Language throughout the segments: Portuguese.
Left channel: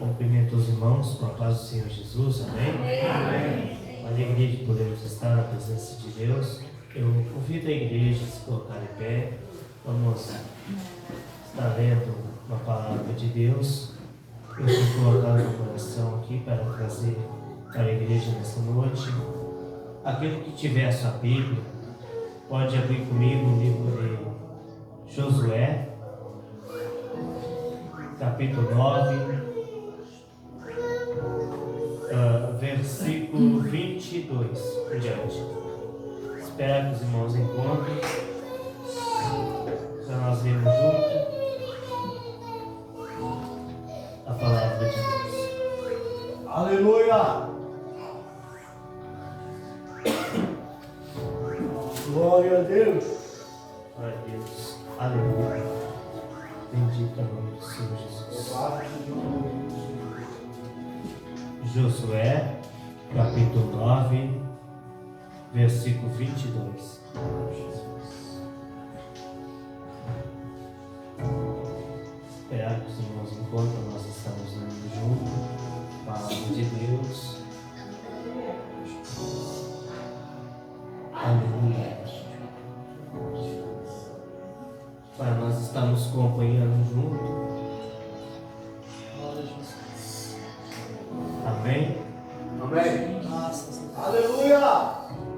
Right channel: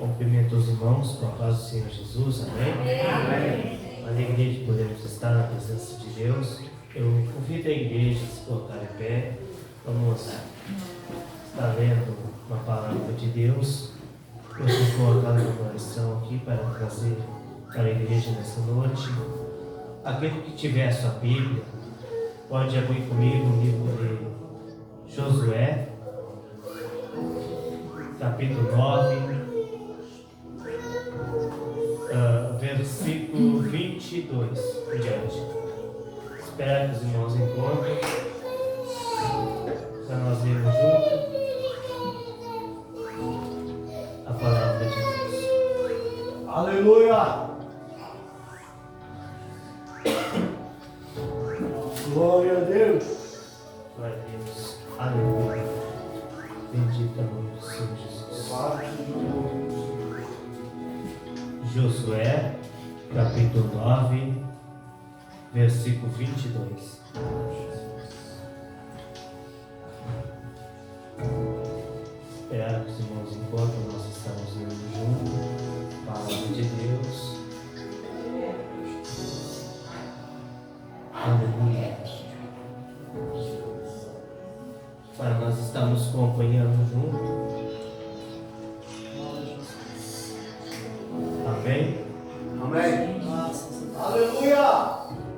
Cumprimento os irmãos com a paz do Senhor Jesus, amém? Amém. Alegria de podermos estar na presença de Deus. Eu convido a igreja a se colocar em pé. Vamos estar lendo uma palavra de Deus. Eu vou colocar no coração aqui para trazer para a igreja nesta noite. Aquele que tiver a sua Bíblia, pode abrir comigo o livro de Josué, capítulo 9. Versículo 22 por diante. Espero que os irmãos encontrem para nós lermos juntos a palavra de Deus. Aleluia! Glória a Deus! Glória a Deus. Aleluia. Bendito é o nome do Senhor Jesus. Josué, capítulo 9, versículo 22. Esperar que os irmãos encontrem, nós estamos lendo juntos a palavra de Deus. Aleluia. Pai, nós estamos acompanhando juntos. Amém? Amém! Aleluia!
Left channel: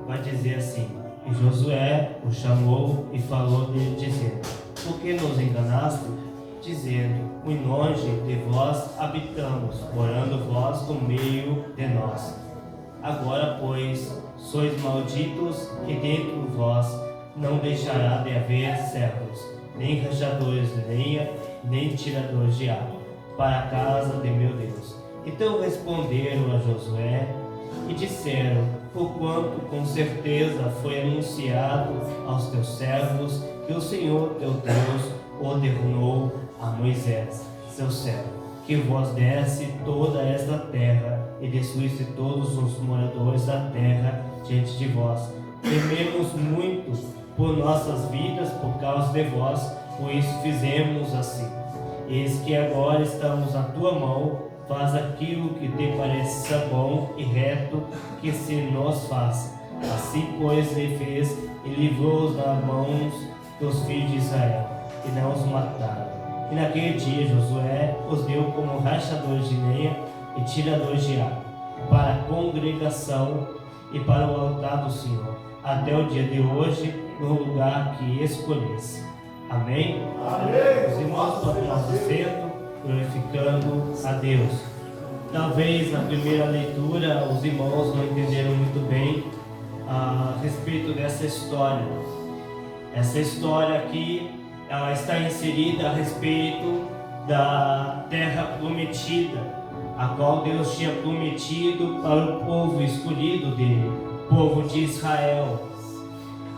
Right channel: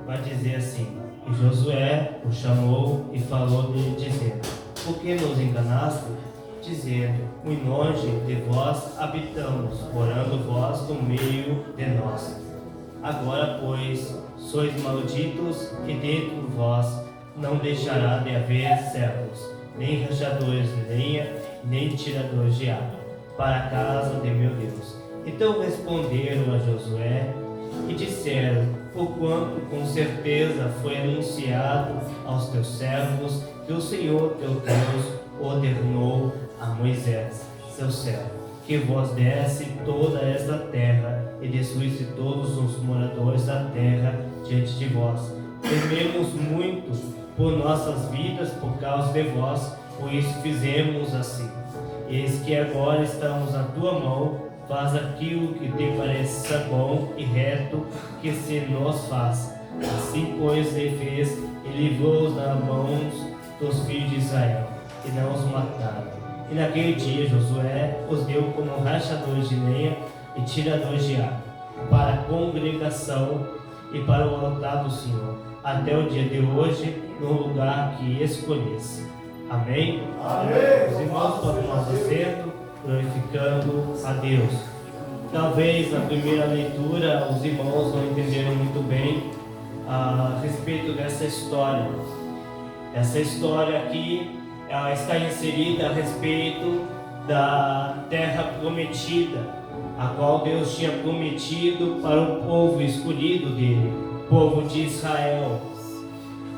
Vai dizer assim: e Josué o chamou e falou-lhe, dizendo: por que nos enganaste? Dizendo: muito longe de vós habitamos, morando vós no meio de nós. Agora, pois, sois malditos, e dentro de vós não deixará de haver servos, nem rachadores de lenha, nem tiradores de água, para a casa de meu Deus. Então responderam a Josué e disseram: porquanto com certeza foi anunciado aos teus servos que o Senhor teu Deus ordenou a Moisés, seu servo, que vos desse toda esta terra e destruísse todos os moradores da terra diante de vós. Tememos muito por nossas vidas por causa de vós, por isso fizemos assim. Eis que agora estamos na tua mão. Faz aquilo que te pareça bom e reto que se nos faça. Assim, pois, ele fez e livrou-os das mãos dos filhos de Israel, e não os mataram. E naquele dia Josué os deu como rachadores de lenha e tiradores de água, para a congregação e para o altar do Senhor, até o dia de hoje, no lugar que escolhesse. Amém? Amém. Os irmãos podem tomar assento, glorificando a Deus. Talvez na primeira leitura os irmãos não entenderam muito bem a respeito dessa história. Essa história aqui, ela está inserida a respeito da terra prometida, a qual Deus tinha prometido para o povo escolhido dele, o povo de Israel.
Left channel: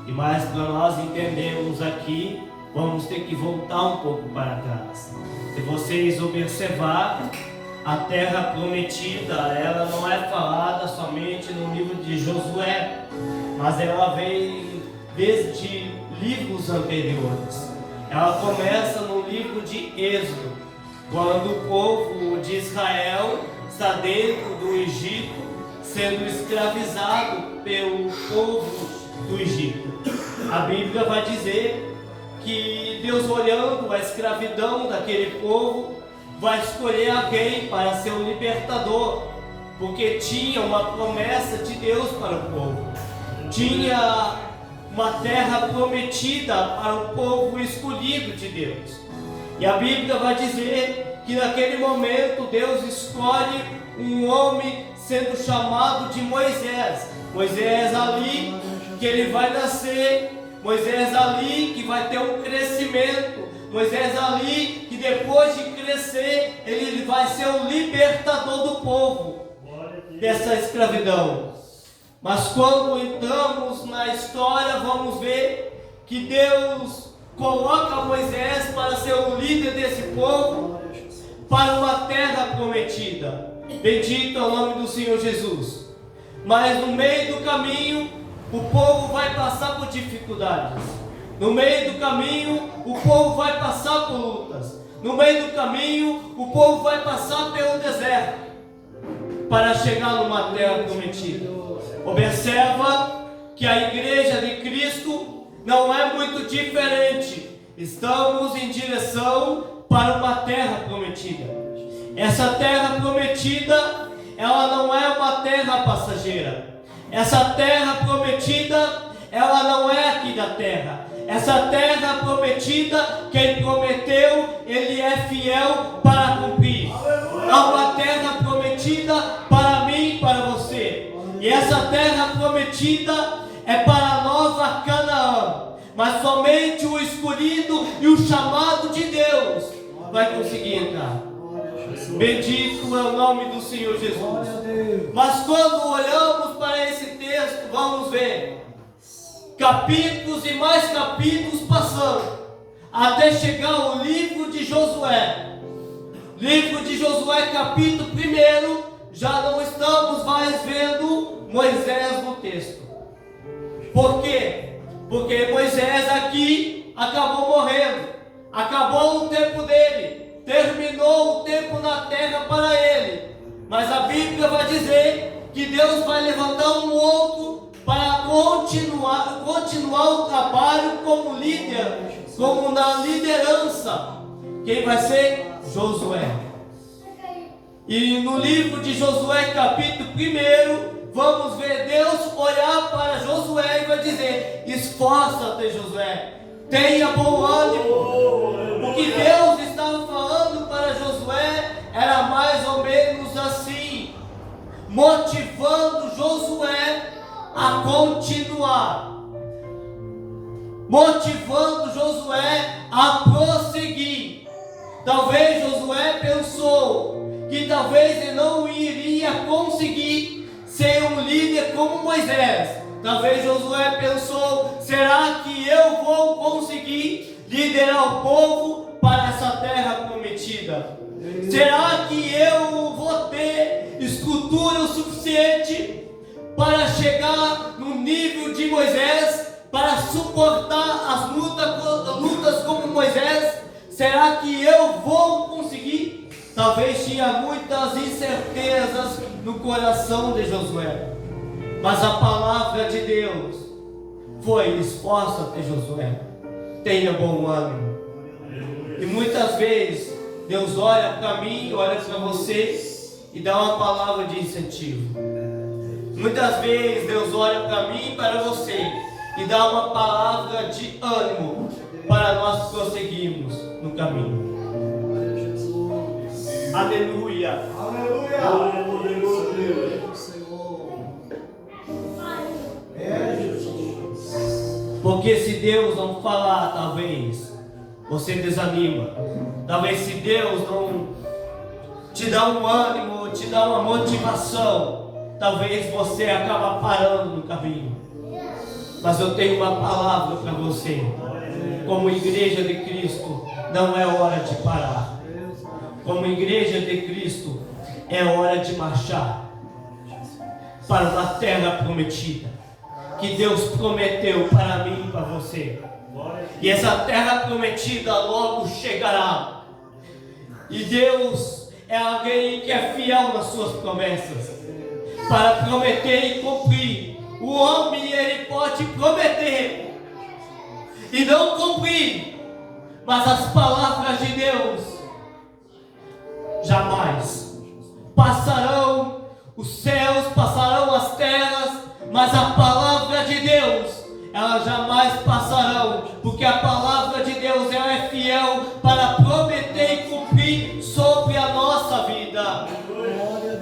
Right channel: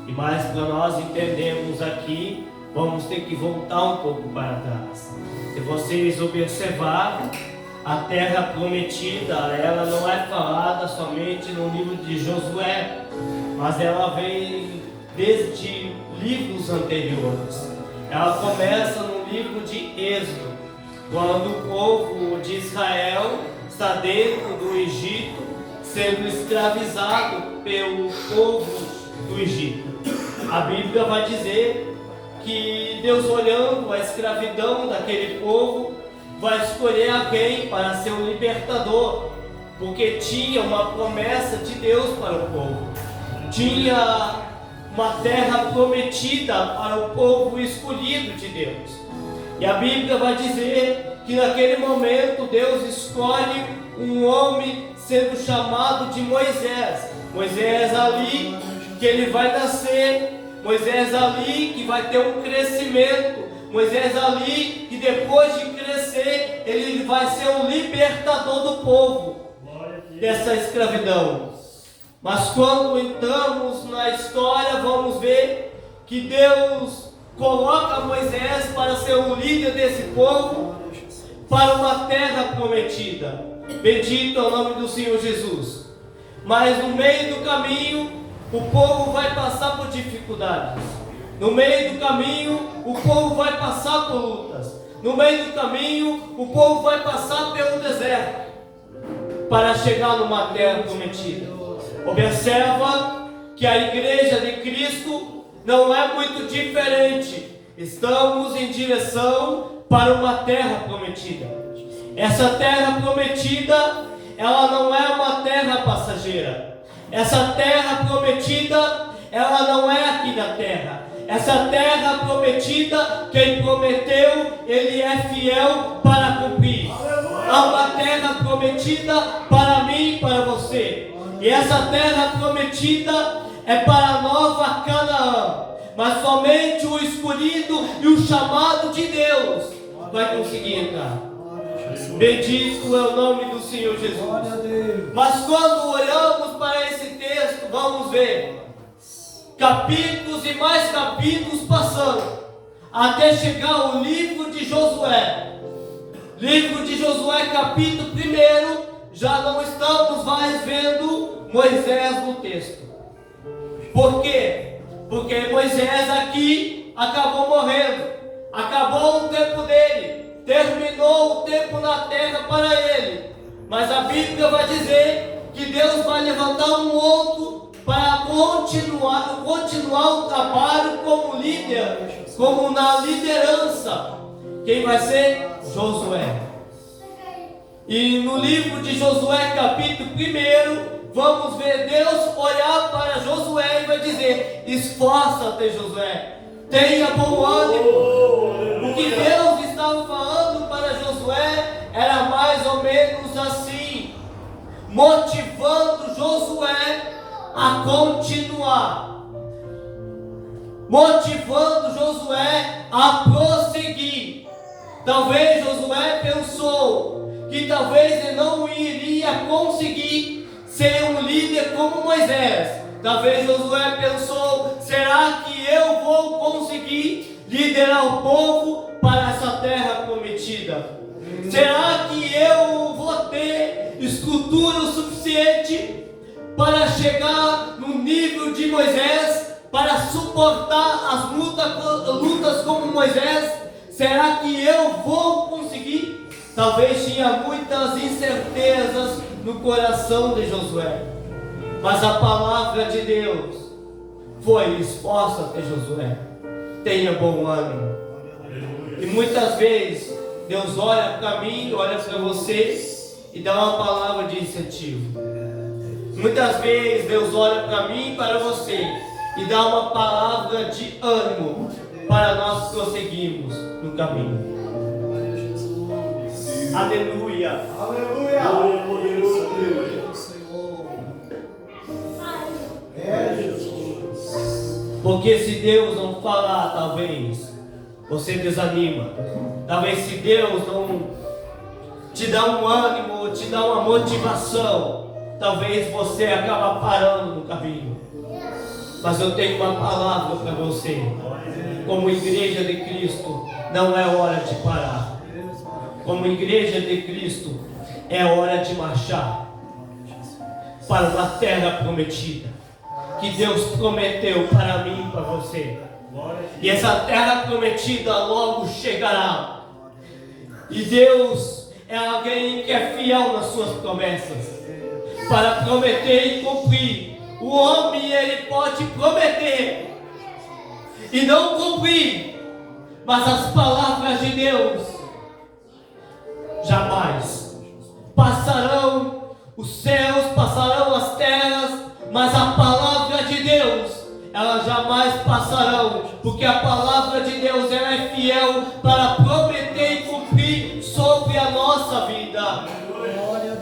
E mais para nós entendermos aqui, vamos ter que voltar um pouco para trás. Se vocês observarem, a terra prometida, ela não é falada somente no livro de Josué, mas ela vem desde livros anteriores. Ela começa no livro de Êxodo, quando o povo de Israel está dentro do Egito, sendo escravizado pelo povo do Egito. A Bíblia vai dizer que Deus, olhando a escravidão daquele povo, vai escolher alguém para ser um libertador, porque tinha uma promessa de Deus para o povo, tinha uma terra prometida para o povo escolhido de Deus. E a Bíblia vai dizer que naquele momento Deus escolhe um homem sendo chamado de Moisés. Moisés ali que ele vai nascer, Moisés ali que vai ter um crescimento, Moisés ali que depois de crescer, ele vai ser o libertador do povo dessa escravidão. Mas quando entramos na história, vamos ver que Deus coloca Moisés para ser o líder desse povo, para uma terra prometida. Bendito é o nome do Senhor Jesus. Mas no meio do caminho, o povo vai passar por dificuldades. No meio do caminho, o povo vai passar por lutas. no meio do caminho, o povo vai passar pelo deserto para chegar numa terra prometida. Observa que a igreja de Cristo não é muito diferente. Estamos em direção para uma terra prometida. Essa terra prometida, ela não é uma terra passageira. Essa terra prometida, ela não é aqui da terra. Essa terra prometida, quem prometeu, ele é fiel para cumprir. É uma terra prometida para mim e para você. E essa terra prometida é para a nova Canaã. Mas somente o escolhido e o chamado de Deus vai conseguir entrar. Bendito é o nome do Senhor Jesus. Mas quando olhamos para esse texto, vamos ver capítulos e mais capítulos passando, até chegar ao livro de Josué. Livro de Josué, capítulo 1, já não estamos mais vendo Moisés no texto. Por quê? Porque Moisés aqui acabou morrendo, acabou o tempo dele, terminou o tempo na terra para ele. Mas a Bíblia vai dizer que Deus vai levantar um outro para continuar o trabalho como líder, como na liderança. Quem vai ser? Josué. E no livro de Josué, capítulo 1, vamos ver Deus olhar para Josué e vai dizer: esforça-te, Josué, tenha bom ânimo. O que Deus estava falando para Josué era mais ou menos assim, motivando Josué a continuar, motivando Josué a prosseguir. Talvez Josué pensou que talvez ele não iria conseguir ser um líder como Moisés. Talvez Josué pensou: será que eu vou conseguir liderar o povo para essa terra prometida? Será que eu vou ter estrutura o suficiente para chegar no nível de Moisés, para suportar as lutas como Moisés? Será que eu vou conseguir? Talvez tinha muitas incertezas no coração de Josué, mas a palavra de Deus foi: esforça-te, Josué, tenha bom ânimo. E muitas vezes Deus olha para mim, olha para você e dá uma palavra de incentivo. Muitas vezes Deus olha para mim e para você e dá uma palavra de ânimo para nós prosseguirmos no caminho. Aleluia. Aleluia. Porque se Deus não falar, talvez você desanima. Talvez se Deus não te dá um ânimo, te dá uma motivação, talvez você acabe parando no caminho. Mas eu tenho uma palavra para você. Como igreja de Cristo, não é hora de parar. Como igreja de Cristo, é hora de marchar para uma terra prometida, que Deus prometeu para mim e para você. E essa terra prometida logo chegará. E Deus é alguém que é fiel nas suas promessas, para prometer e cumprir. O homem, ele pode prometer e não cumprir, mas as palavras de Deus jamais passarão. Os céus passarão, as terras, mas a palavra de Deus, elas jamais passarão, porque a palavra de Deus, ela é fiel para prometer e cumprir sobre a nossa vida.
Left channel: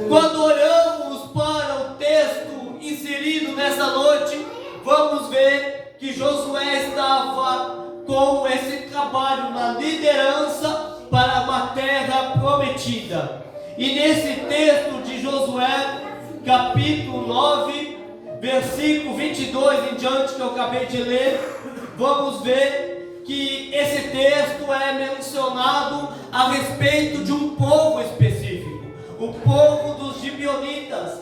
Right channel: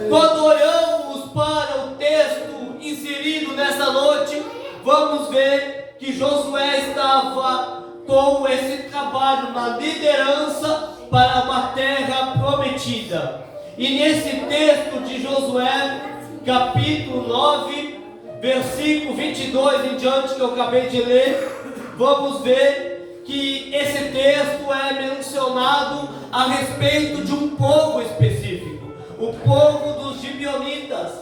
Quando olhamos para o texto inserido nessa noite, vamos ver que Josué estava com esse trabalho na liderança para uma terra prometida. E nesse texto de Josué, capítulo 9, versículo 22 em diante, que eu acabei de ler, vamos ver que esse texto é mencionado a respeito de um povo específico, o povo dos gibeonitas.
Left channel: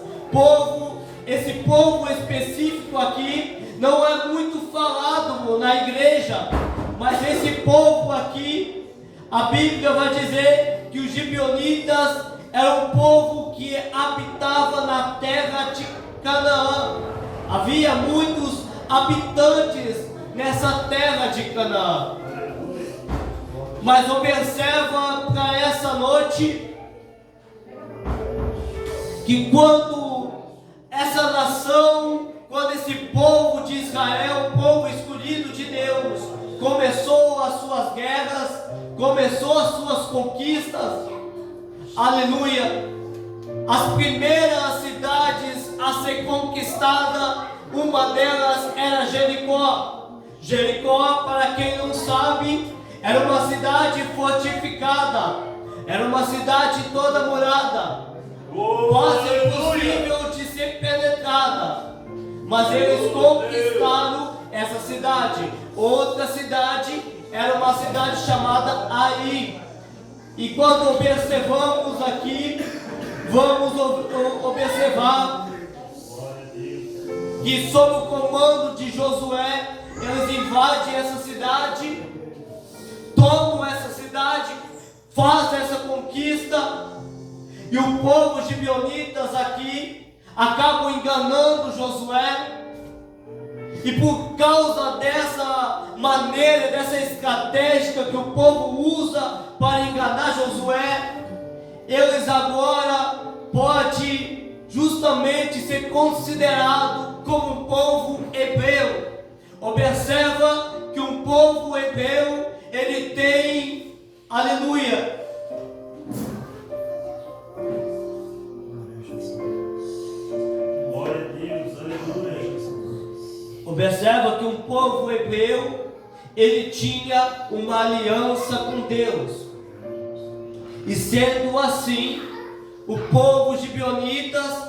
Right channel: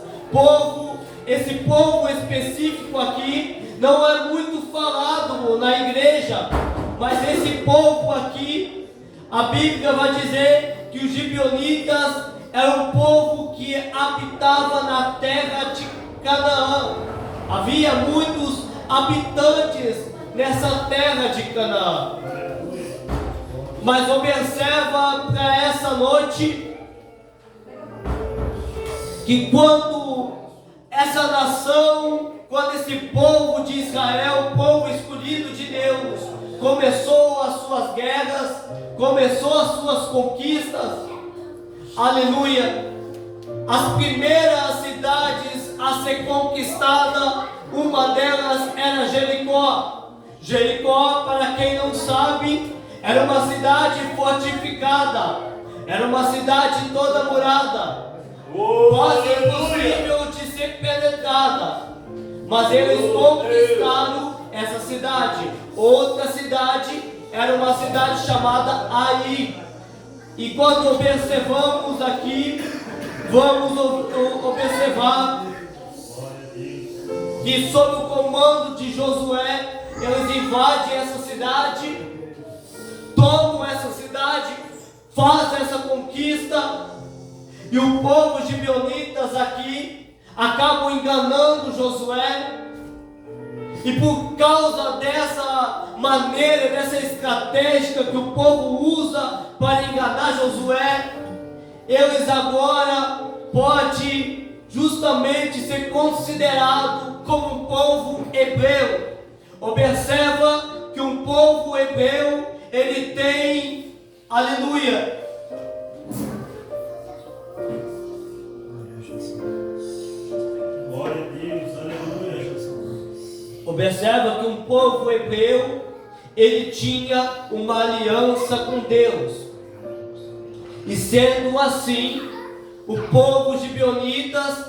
Esse povo específico aqui não é muito falado na igreja, mas esse povo aqui, A Bíblia vai dizer que os gibeonitas eram um povo que habitava na terra de Canaã. Havia muitos habitantes nessa terra de Canaã. Mas observa para essa noite que quando essa nação, quando esse povo de Israel, o povo escolhido de Deus, começou as suas guerras, começou as suas conquistas, aleluia, as primeiras cidades a ser conquistada, uma delas era Jericó. Jericó, para quem não sabe, era uma cidade fortificada, era uma cidade toda murada, quase impossível de ser penetrada, mas eles conquistaram essa cidade. Outra cidade era uma cidade chamada Ai. E quando observamos aqui, vamos observar que sob o comando de Josué, eles invadem essa cidade, tomam essa cidade, fazem essa conquista, e o povo gibeonitas aqui acabam enganando Josué, e por causa dessa maneira, dessa estratégia que o povo usa para enganar Josué, eles agora podem justamente ser considerados como um povo hebreu. Observa que um povo hebreu, ele tem, aleluia, observa que um povo hebreu, ele tinha uma aliança com Deus. E sendo assim, o povo gibeonitas,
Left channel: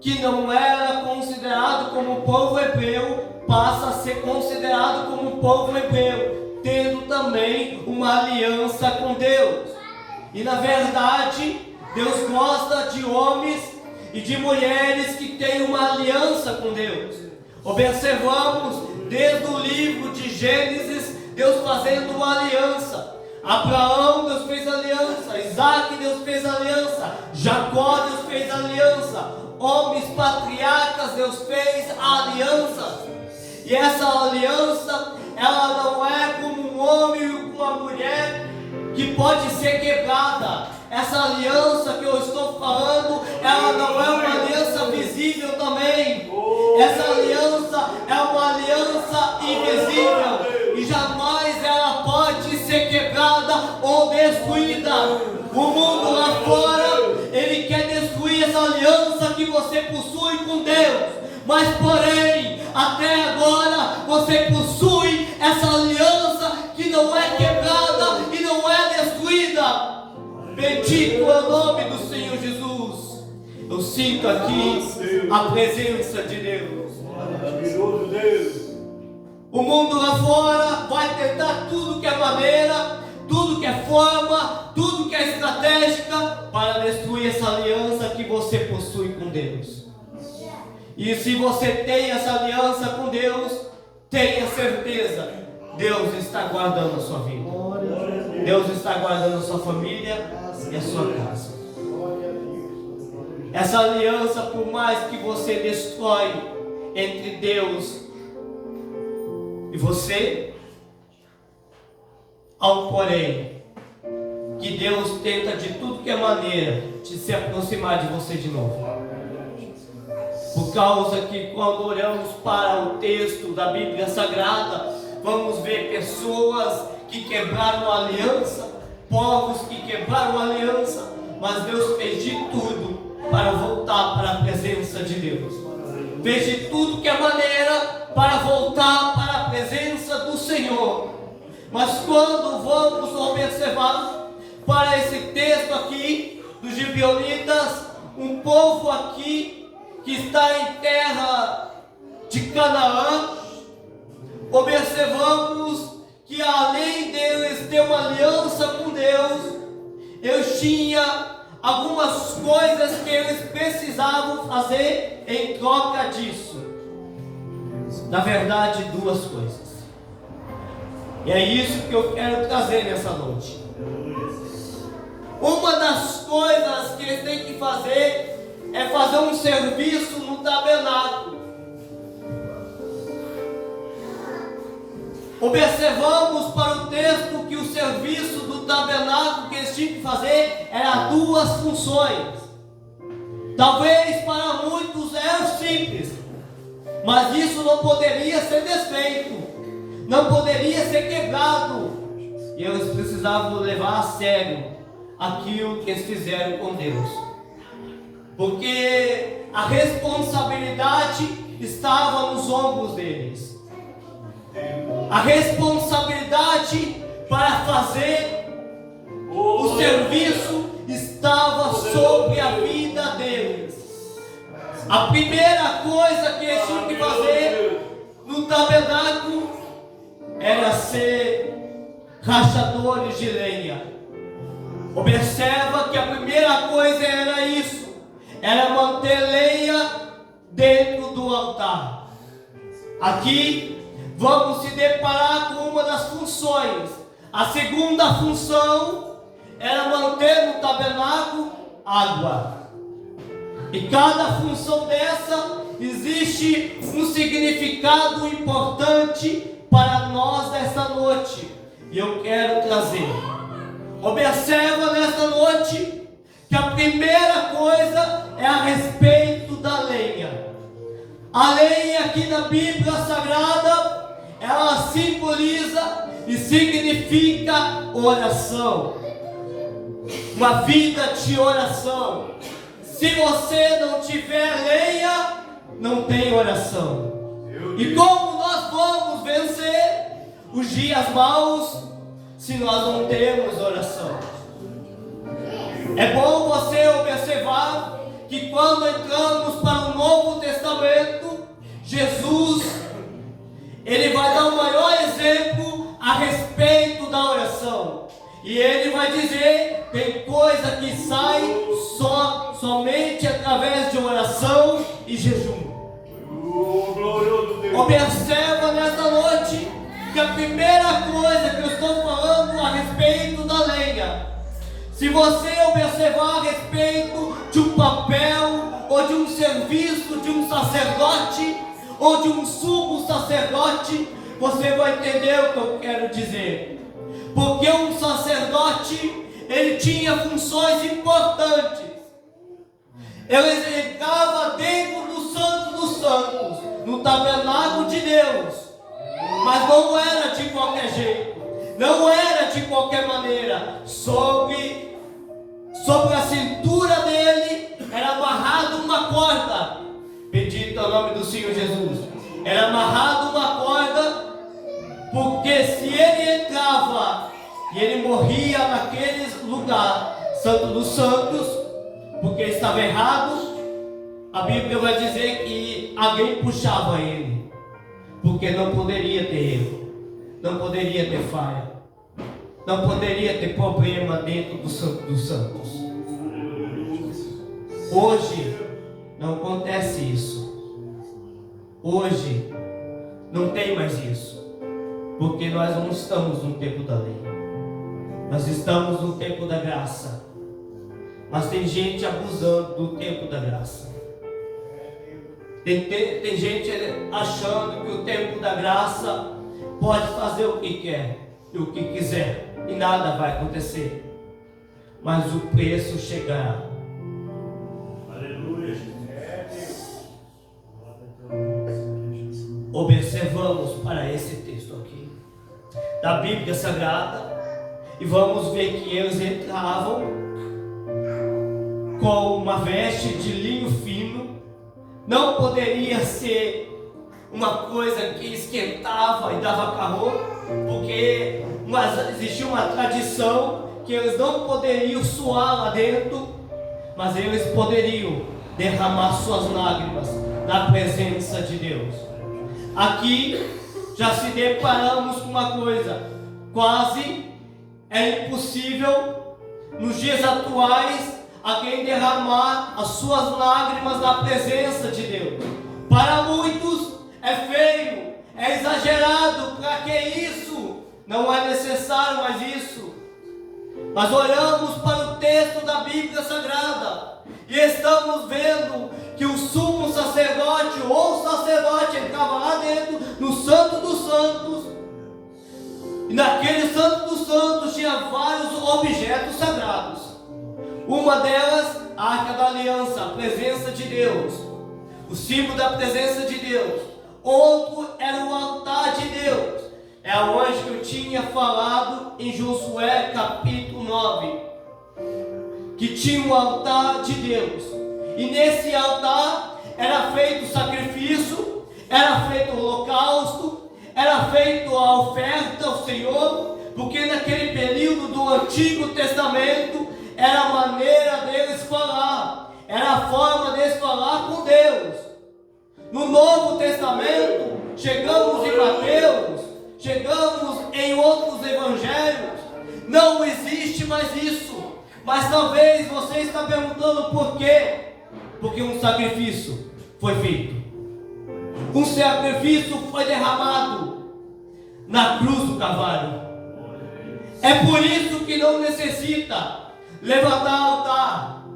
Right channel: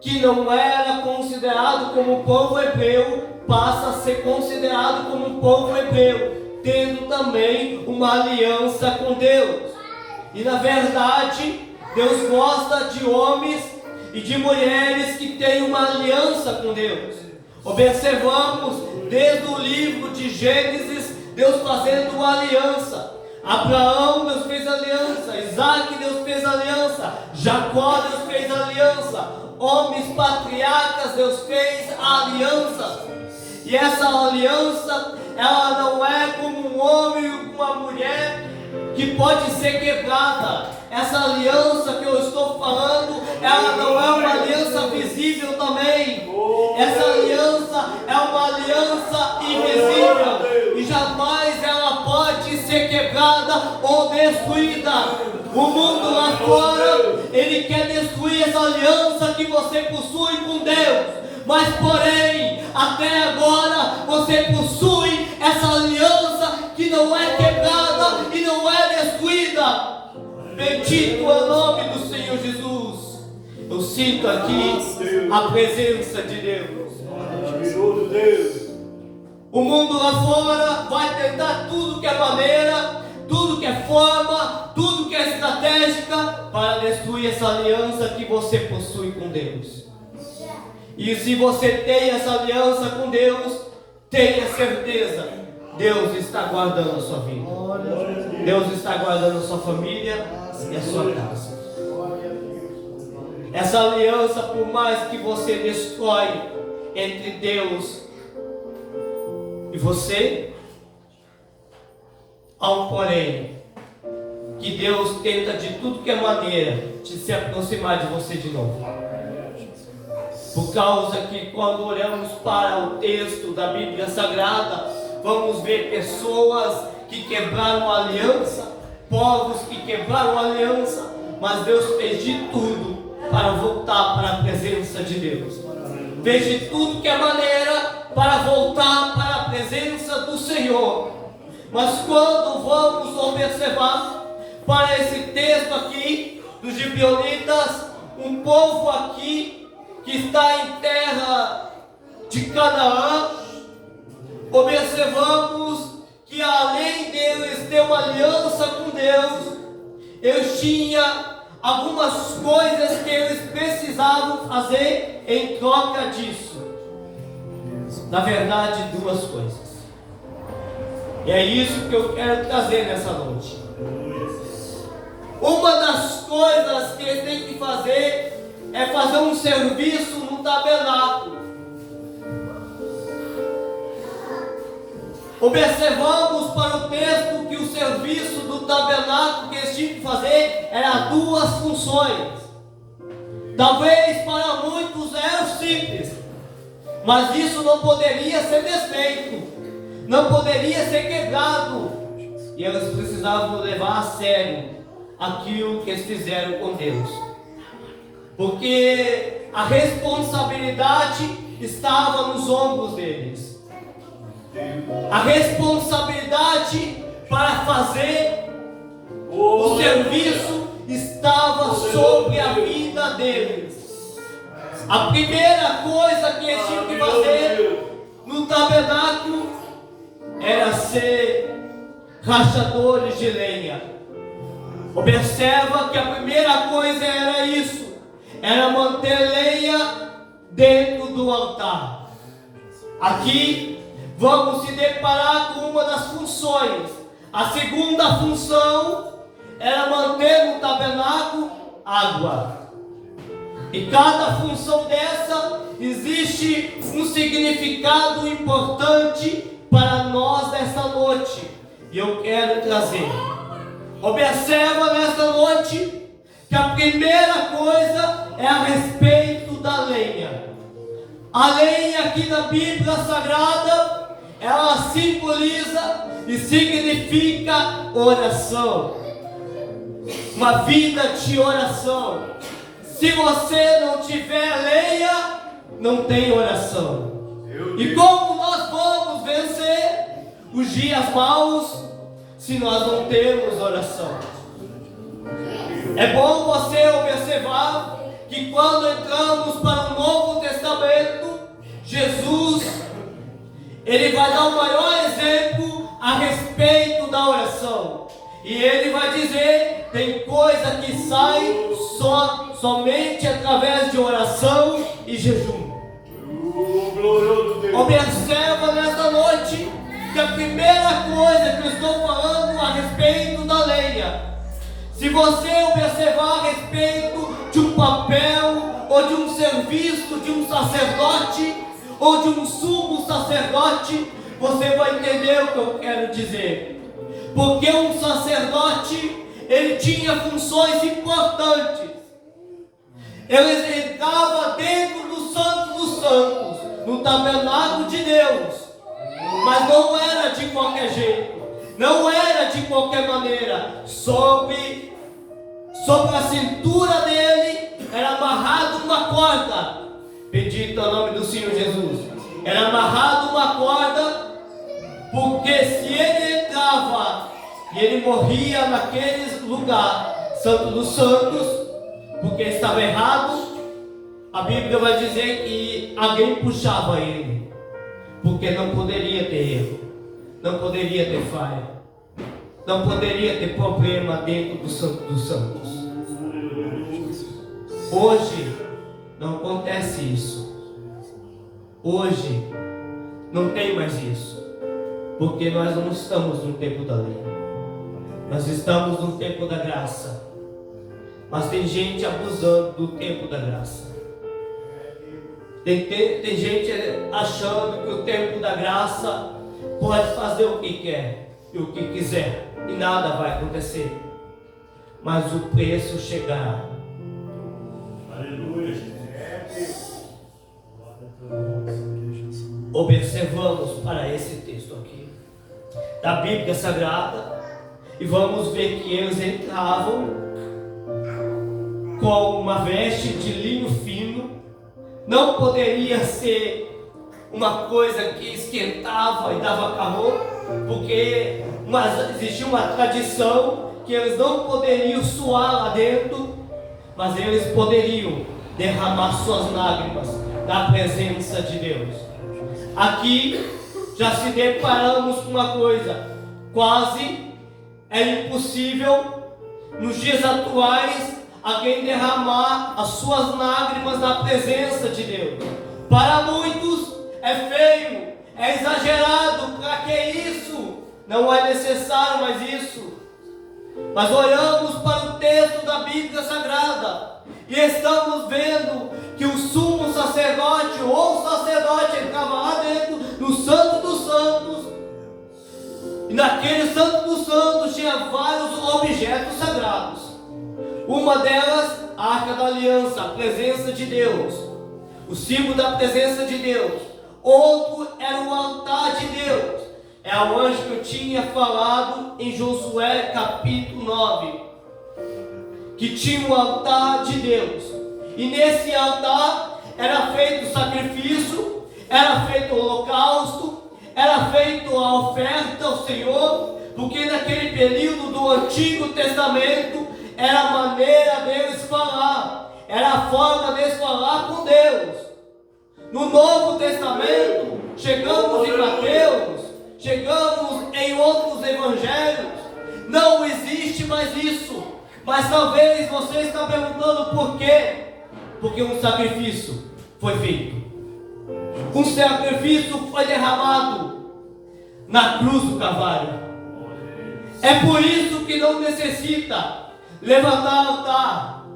que não era considerado como povo hebreu, passa a ser considerado como povo hebreu, tendo também uma aliança com Deus. E na verdade, Deus gosta de homens e de mulheres que têm uma aliança com Deus. Observamos desde o livro de Gênesis, Deus fazendo uma aliança. Abraão, Deus fez aliança. Isaac, Deus fez aliança. Jacó, Deus fez aliança. Homens patriarcas, Deus fez aliança. E essa aliança, ela não é como um homem e uma mulher que pode ser quebrada. Essa aliança que eu estou falando, ela não é uma aliança visível também. Essa aliança é uma aliança invisível e jamais ela pode ser quebrada ou destruída. O mundo lá fora, ele quer destruir essa aliança que você possui com Deus, mas porém, até agora, você possui essa aliança que não é quebrada e não é destruída. Bendito é o nome do Senhor Jesus. Eu sinto aqui a presença de Deus. O mundo lá fora vai tentar tudo que é maneira, tudo que é forma, tudo que é estratégica para destruir essa aliança que você possui com Deus. E se você tem essa aliança com Deus, tenha certeza, Deus está guardando a sua vida. Deus está guardando a sua família e a sua casa. Essa aliança, por mais que você destrói entre Deus e você, há um porém, que Deus tenta de tudo que é maneira de se aproximar de você de novo. Por causa que quando olhamos para o texto da Bíblia Sagrada, vamos ver pessoas que quebraram a aliança, povos que quebraram a aliança, mas Deus fez de tudo para voltar para a presença de Deus. Fez de tudo que é maneira para voltar para a presença do Senhor. Mas quando vamos observar para esse texto aqui dos gibeonitas, um povo aqui que está em terra de Canaã, observamos que além deles ter uma aliança com Deus, eles tinham algumas coisas que eles precisavam fazer em troca disso. Na verdade, duas coisas. E é isso que eu quero trazer nessa noite. Uma das coisas que eles têm que fazer é fazer um serviço no tabernáculo. Observamos para o texto que o serviço do tabernáculo que eles tinham que fazer era duas funções. Talvez para muitos é simples, mas isso não poderia ser desfeito, não poderia ser quebrado, e eles precisavam levar a sério aquilo que eles fizeram com Deus, porque a responsabilidade estava nos ombros deles. A responsabilidade para fazer o serviço estava sobre a vida deles. A primeira coisa que eles tinham que fazer no tabernáculo era ser rachadores de lenha. Observa que a primeira coisa era isso, era manter lenha dentro do altar. Aqui vamos se deparar com uma das funções. A segunda função era manter no tabernáculo água. E cada função dessa existe um significado importante para nós nesta noite. E eu quero trazer. Observa nesta noite que a primeira coisa é a respeito da lenha. A lenha aqui na Bíblia Sagrada, ela simboliza e significa oração, uma vida de oração. Se você não tiver lenha, não tem oração. E como nós vamos vencer os dias maus se nós não temos oração? É bom você observar que quando entramos para o Novo Testamento, Jesus, ele vai dar o maior exemplo a respeito da oração. E ele vai dizer, tem coisa que sai somente através de oração e jejum. Observa nesta noite que a primeira coisa que eu estou falando a respeito da lenha. Se você observar a respeito de um papel ou de um serviço de um sacerdote ou de um sumo sacerdote, você vai entender o que eu quero dizer. Porque um sacerdote, ele tinha funções importantes. Ele entrava dentro do Santo dos Santos, no tabernáculo de Deus, mas não era de qualquer jeito, não era de qualquer maneira. Sobre a cintura dele era amarrado uma corda. Bendito é o nome do Senhor Jesus. Era amarrado uma corda, porque se ele entrava e ele morria naquele lugar, Santo dos Santos, porque estava errado, a Bíblia vai dizer que alguém puxava ele, porque não poderia ter erro, não poderia ter falha, não poderia ter problema dentro do Santo dos Santos. Hoje não acontece isso. Hoje não tem mais isso, porque nós não estamos no tempo da lei, nós estamos no tempo da graça. Mas tem gente abusando do tempo da graça. Tem gente achando que o tempo da graça pode fazer o que quer e o que quiser, e nada vai acontecer. Mas o preço chegará. Aleluia. Observamos para esse texto aqui da Bíblia Sagrada e vamos ver que eles entravam com uma veste de linho fino. Não poderia ser uma coisa que esquentava e dava calor, porque existia uma tradição que eles não poderiam suar lá dentro, mas eles poderiam derramar suas lágrimas na presença de Deus. Aqui já se deparamos com uma coisa, quase é impossível nos dias atuais alguém derramar as suas lágrimas na presença de Deus. Para muitos é feio, é exagerado. Para que isso? Não é necessário mais isso. Mas olhamos para o texto da Bíblia Sagrada e estamos vendo que o sumo sacerdote ou sacerdote estava lá dentro do Santo dos Santos. E naquele Santo dos Santos tinha vários objetos sagrados. Uma delas, a Arca da Aliança, a presença de Deus, o símbolo da presença de Deus. Outro era o altar de Deus. É onde eu tinha falado em Josué capítulo 9, que tinha o altar de Deus. E nesse altar era feito sacrifício, era feito holocausto, era feito a oferta ao Senhor, porque naquele período do Antigo Testamento era a maneira deles falar, era a forma deles falar com Deus. No Novo Testamento, chegamos em Mateus, chegamos em outros evangelhos, não existe mais isso. Mas talvez você está perguntando por quê? Porque um sacrifício foi feito, um sacrifício foi derramado na cruz do Calvário. É por isso que não necessita levantar altar,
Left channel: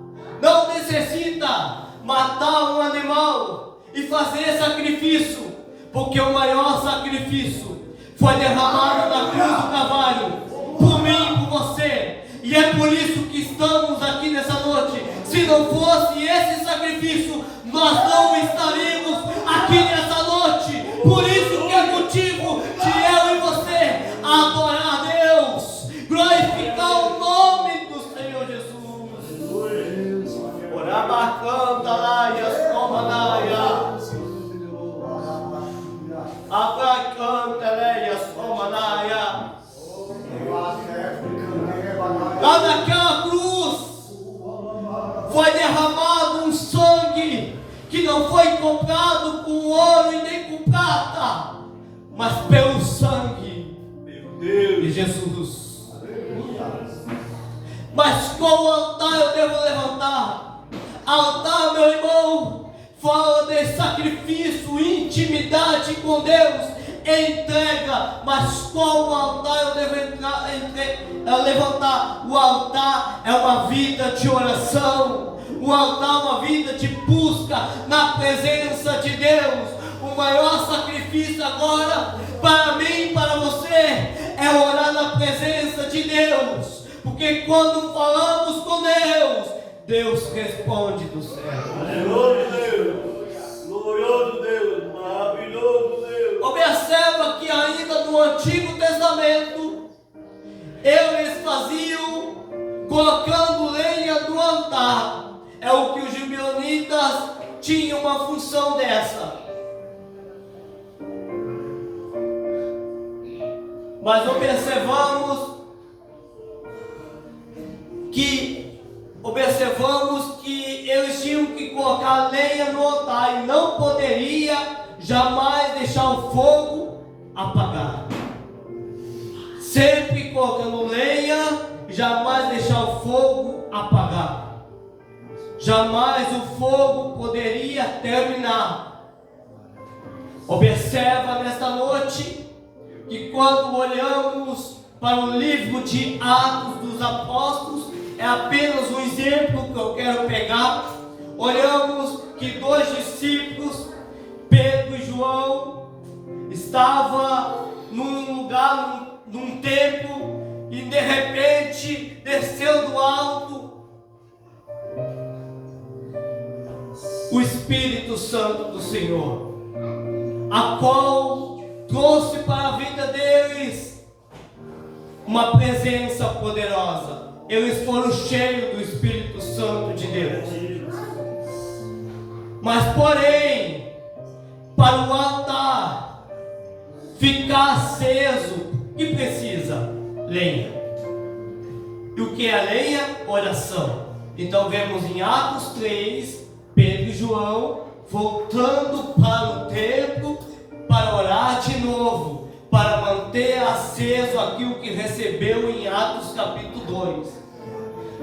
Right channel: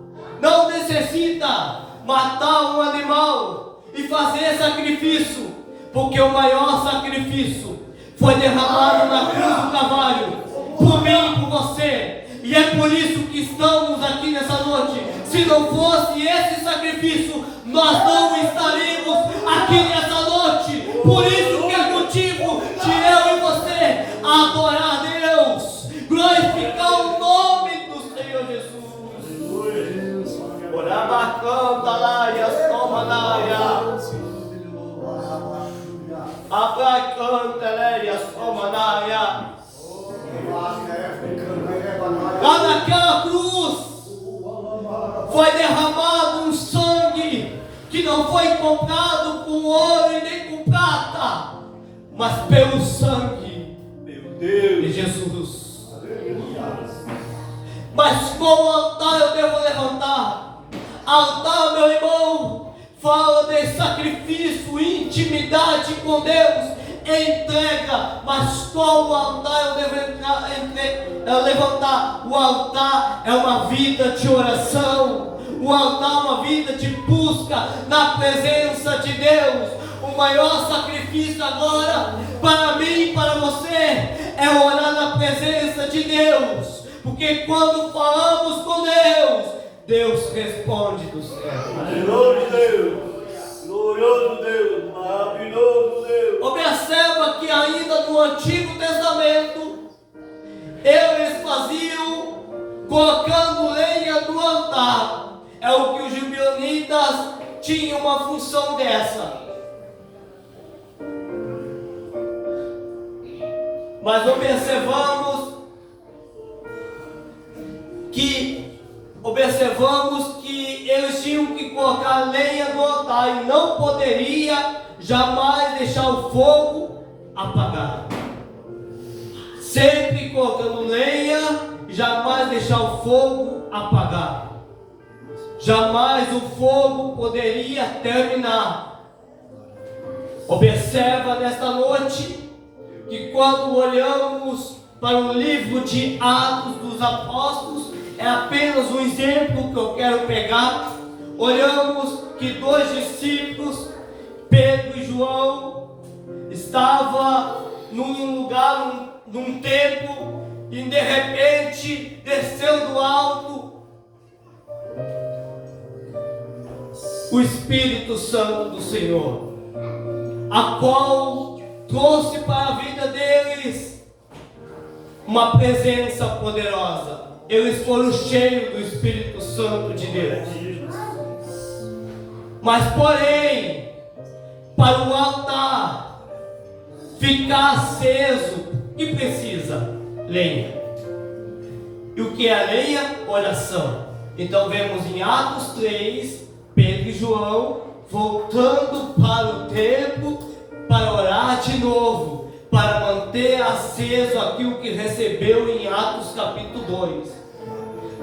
não necessita matar um animal e fazer sacrifício, porque o maior sacrifício foi derramado na cruz do Calvário, por mim e por você. E é por isso que estamos aqui nessa noite. Se não fosse esse sacrifício, nós não estaríamos aqui nessa noite. Por isso que é motivo de eu e você adorar a Deus, glorificar o nome do Senhor Jesus. Orabacanta laia, somanaia. Abracanta leia, somanaia. Lá naquela cruz foi derramado um sangue que não foi comprado com ouro e nem com prata, mas pelo sangue de Jesus. Mas qual altar eu devo levantar? Altar, meu irmão, fala de sacrifício, intimidade com Deus, entrega. Mas qual altar eu devo levantar? O altar é uma vida de oração, o altar é uma vida de busca na presença de Deus. O maior sacrifício agora para mim e para você é orar na presença de Deus, porque quando falamos com Deus, Deus responde do céu. Glorioso Deus, glorioso Deus, maravilhoso Deus. Observa que ainda no Antigo Testamento eles faziam colocando lenha no altar. É o que os gibeonitas tinham uma função dessa. Mas observamos que eles tinham que colocar lenha no altar e não poderia jamais deixar o fogo apagar. Sempre colocando lenha, jamais deixar o fogo apagar. Jamais o fogo poderia terminar. Observa nesta noite que quando olhamos para o livro de Atos dos Apóstolos, é apenas um exemplo que eu quero pegar. Olhamos que dois discípulos, Pedro e João, estavam num lugar, num templo, e de repente desceu do alto o Espírito Santo do Senhor, a qual trouxe para a vida deles uma presença poderosa. Eles foram cheios do Espírito Santo de Deus. Mas porém, para o altar ficar aceso, o que precisa? Lenha. E o que é a lenha? Oração. Então vemos em Atos 3, Pedro e João voltando para o templo para orar de novo, para manter aceso aquilo que recebeu em Atos capítulo 2.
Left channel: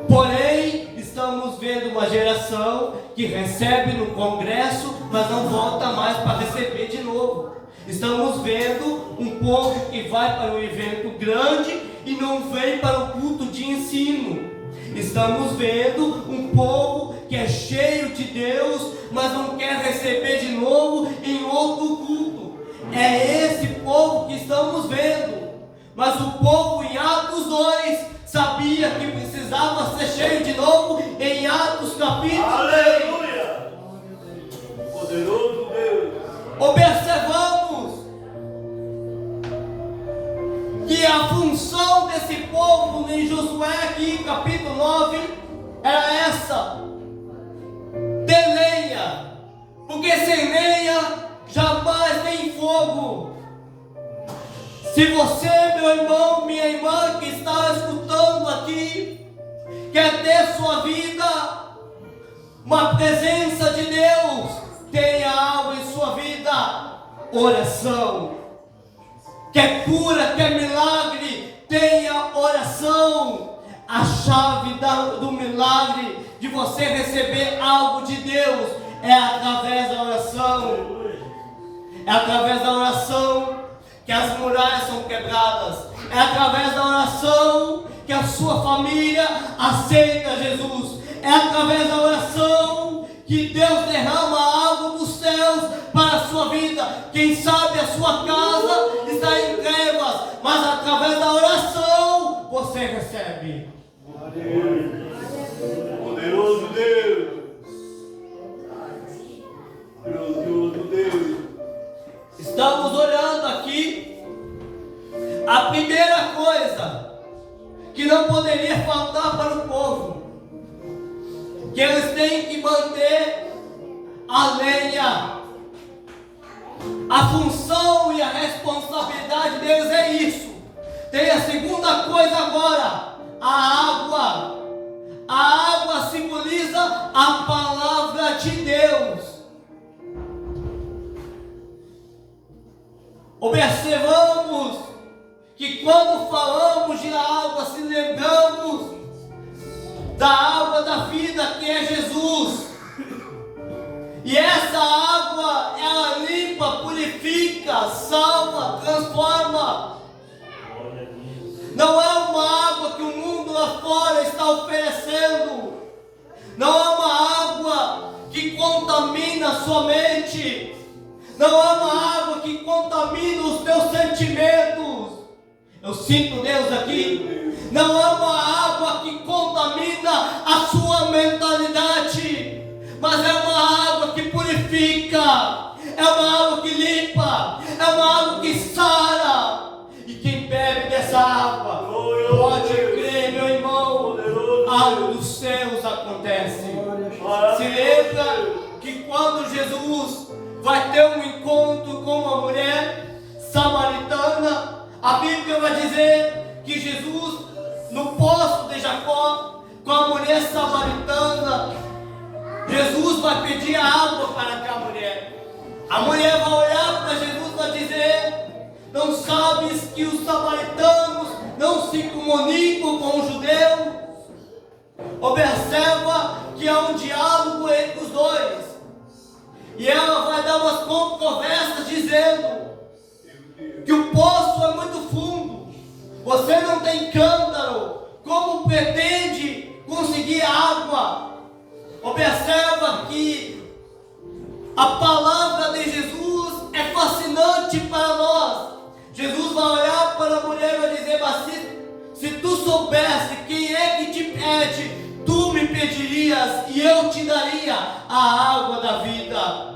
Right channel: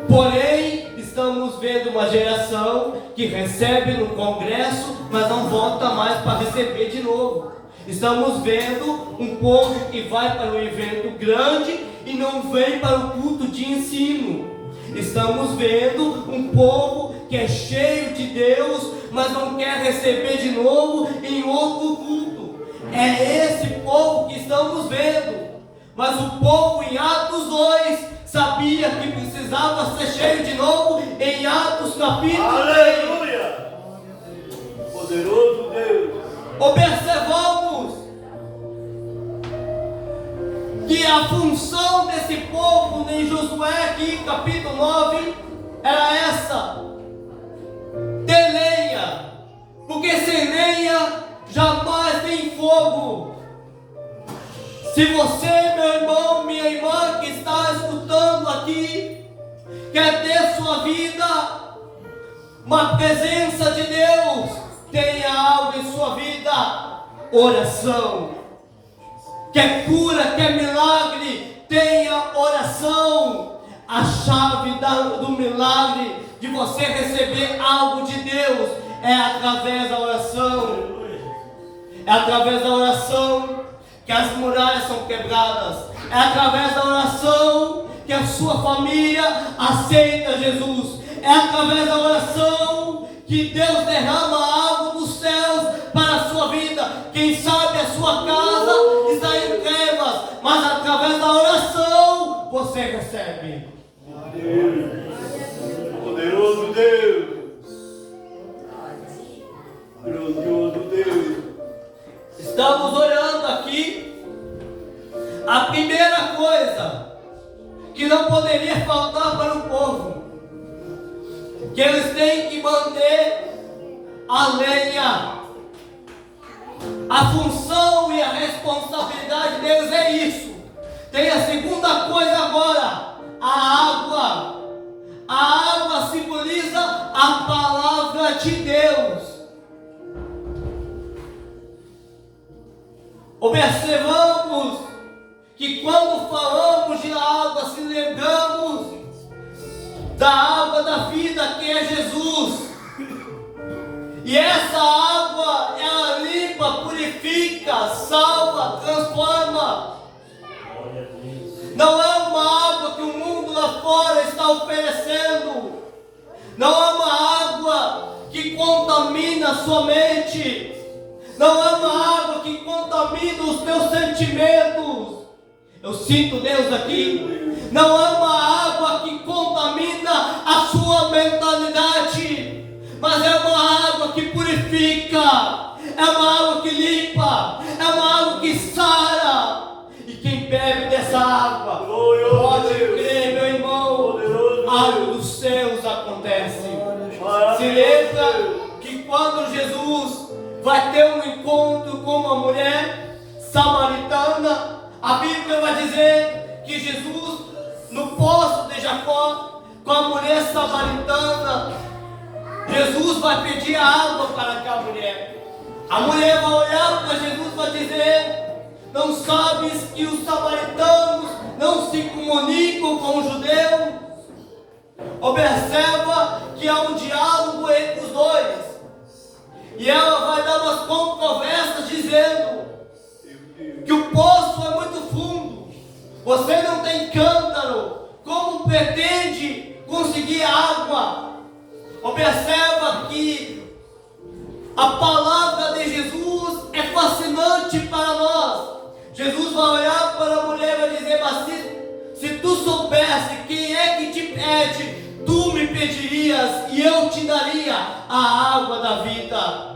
Porém, estamos vendo uma geração que recebe no congresso, mas não volta mais para receber de novo. Estamos vendo um povo que vai para um evento grande e não vem para o culto de ensino. Estamos vendo um povo que é cheio de Deus, mas não quer receber de novo em outro culto. É esse povo que estamos vendo. Mas o povo em Atos 2 sabia que precisava ser cheio de novo em Atos capítulo 3. Aleluia! Poderoso Deus! Observamos que a função desse povo em Josué aqui, capítulo 9, era essa: ter lenha, porque sem lenha jamais tem fogo. Se você, meu irmão, minha irmã que está escutando aqui, quer ter sua vida, uma presença de Deus, tenha algo em sua vida: oração. Quer cura, quer milagre, tenha oração. A chave do milagre, de você receber algo de Deus, é através da oração. É através da oração que as muralhas são quebradas. É através da oração que a sua família aceita Jesus. É através da oração que Deus derrama algo dos céus para a sua vida. Quem sabe a sua casa está em trevas, mas através da oração você recebe. Poderoso Deus! Grandioso Deus! Estamos orando aqui. A primeira coisa que não poderia faltar para o povo, que eles têm que manter a lenha. A função e a responsabilidade deles é isso. Tem a segunda coisa agora: a água. A água simboliza a palavra de Deus. Observamos que quando falamos de água, se lembramos da água da vida, que é Jesus. E essa água, ela limpa, purifica, salva, transforma. Não é uma água que o mundo lá fora está oferecendo. Não é uma água que contamina a sua mente. Não é uma água que contamina os teus sentimentos. Eu sinto Deus aqui. Não é uma água que contamina a sua mentalidade, mas é uma água que purifica, é uma água que limpa, é uma água que sara. E quem bebe dessa água, pode crer, meu irmão, algo dos céus acontece. Se lembra que quando Jesus vai ter um encontro com uma mulher samaritana, a Bíblia vai dizer que Jesus, no poço de Jacó, com a mulher samaritana, Jesus vai pedir água para aquela mulher. A mulher vai olhar para Jesus e vai dizer: não sabes que os samaritanos não se comunicam com os judeus? Observa que há um diálogo entre os dois. E ela vai dar umas controvérsias dizendo que o poço é muito fundo, você não tem cântaro, como pretende conseguir água? Observa que a palavra de Jesus é fascinante para nós. Jesus vai olhar para a mulher e vai dizer: mas se tu soubesse quem é que te pede, tu me pedirias e eu te daria a água da vida.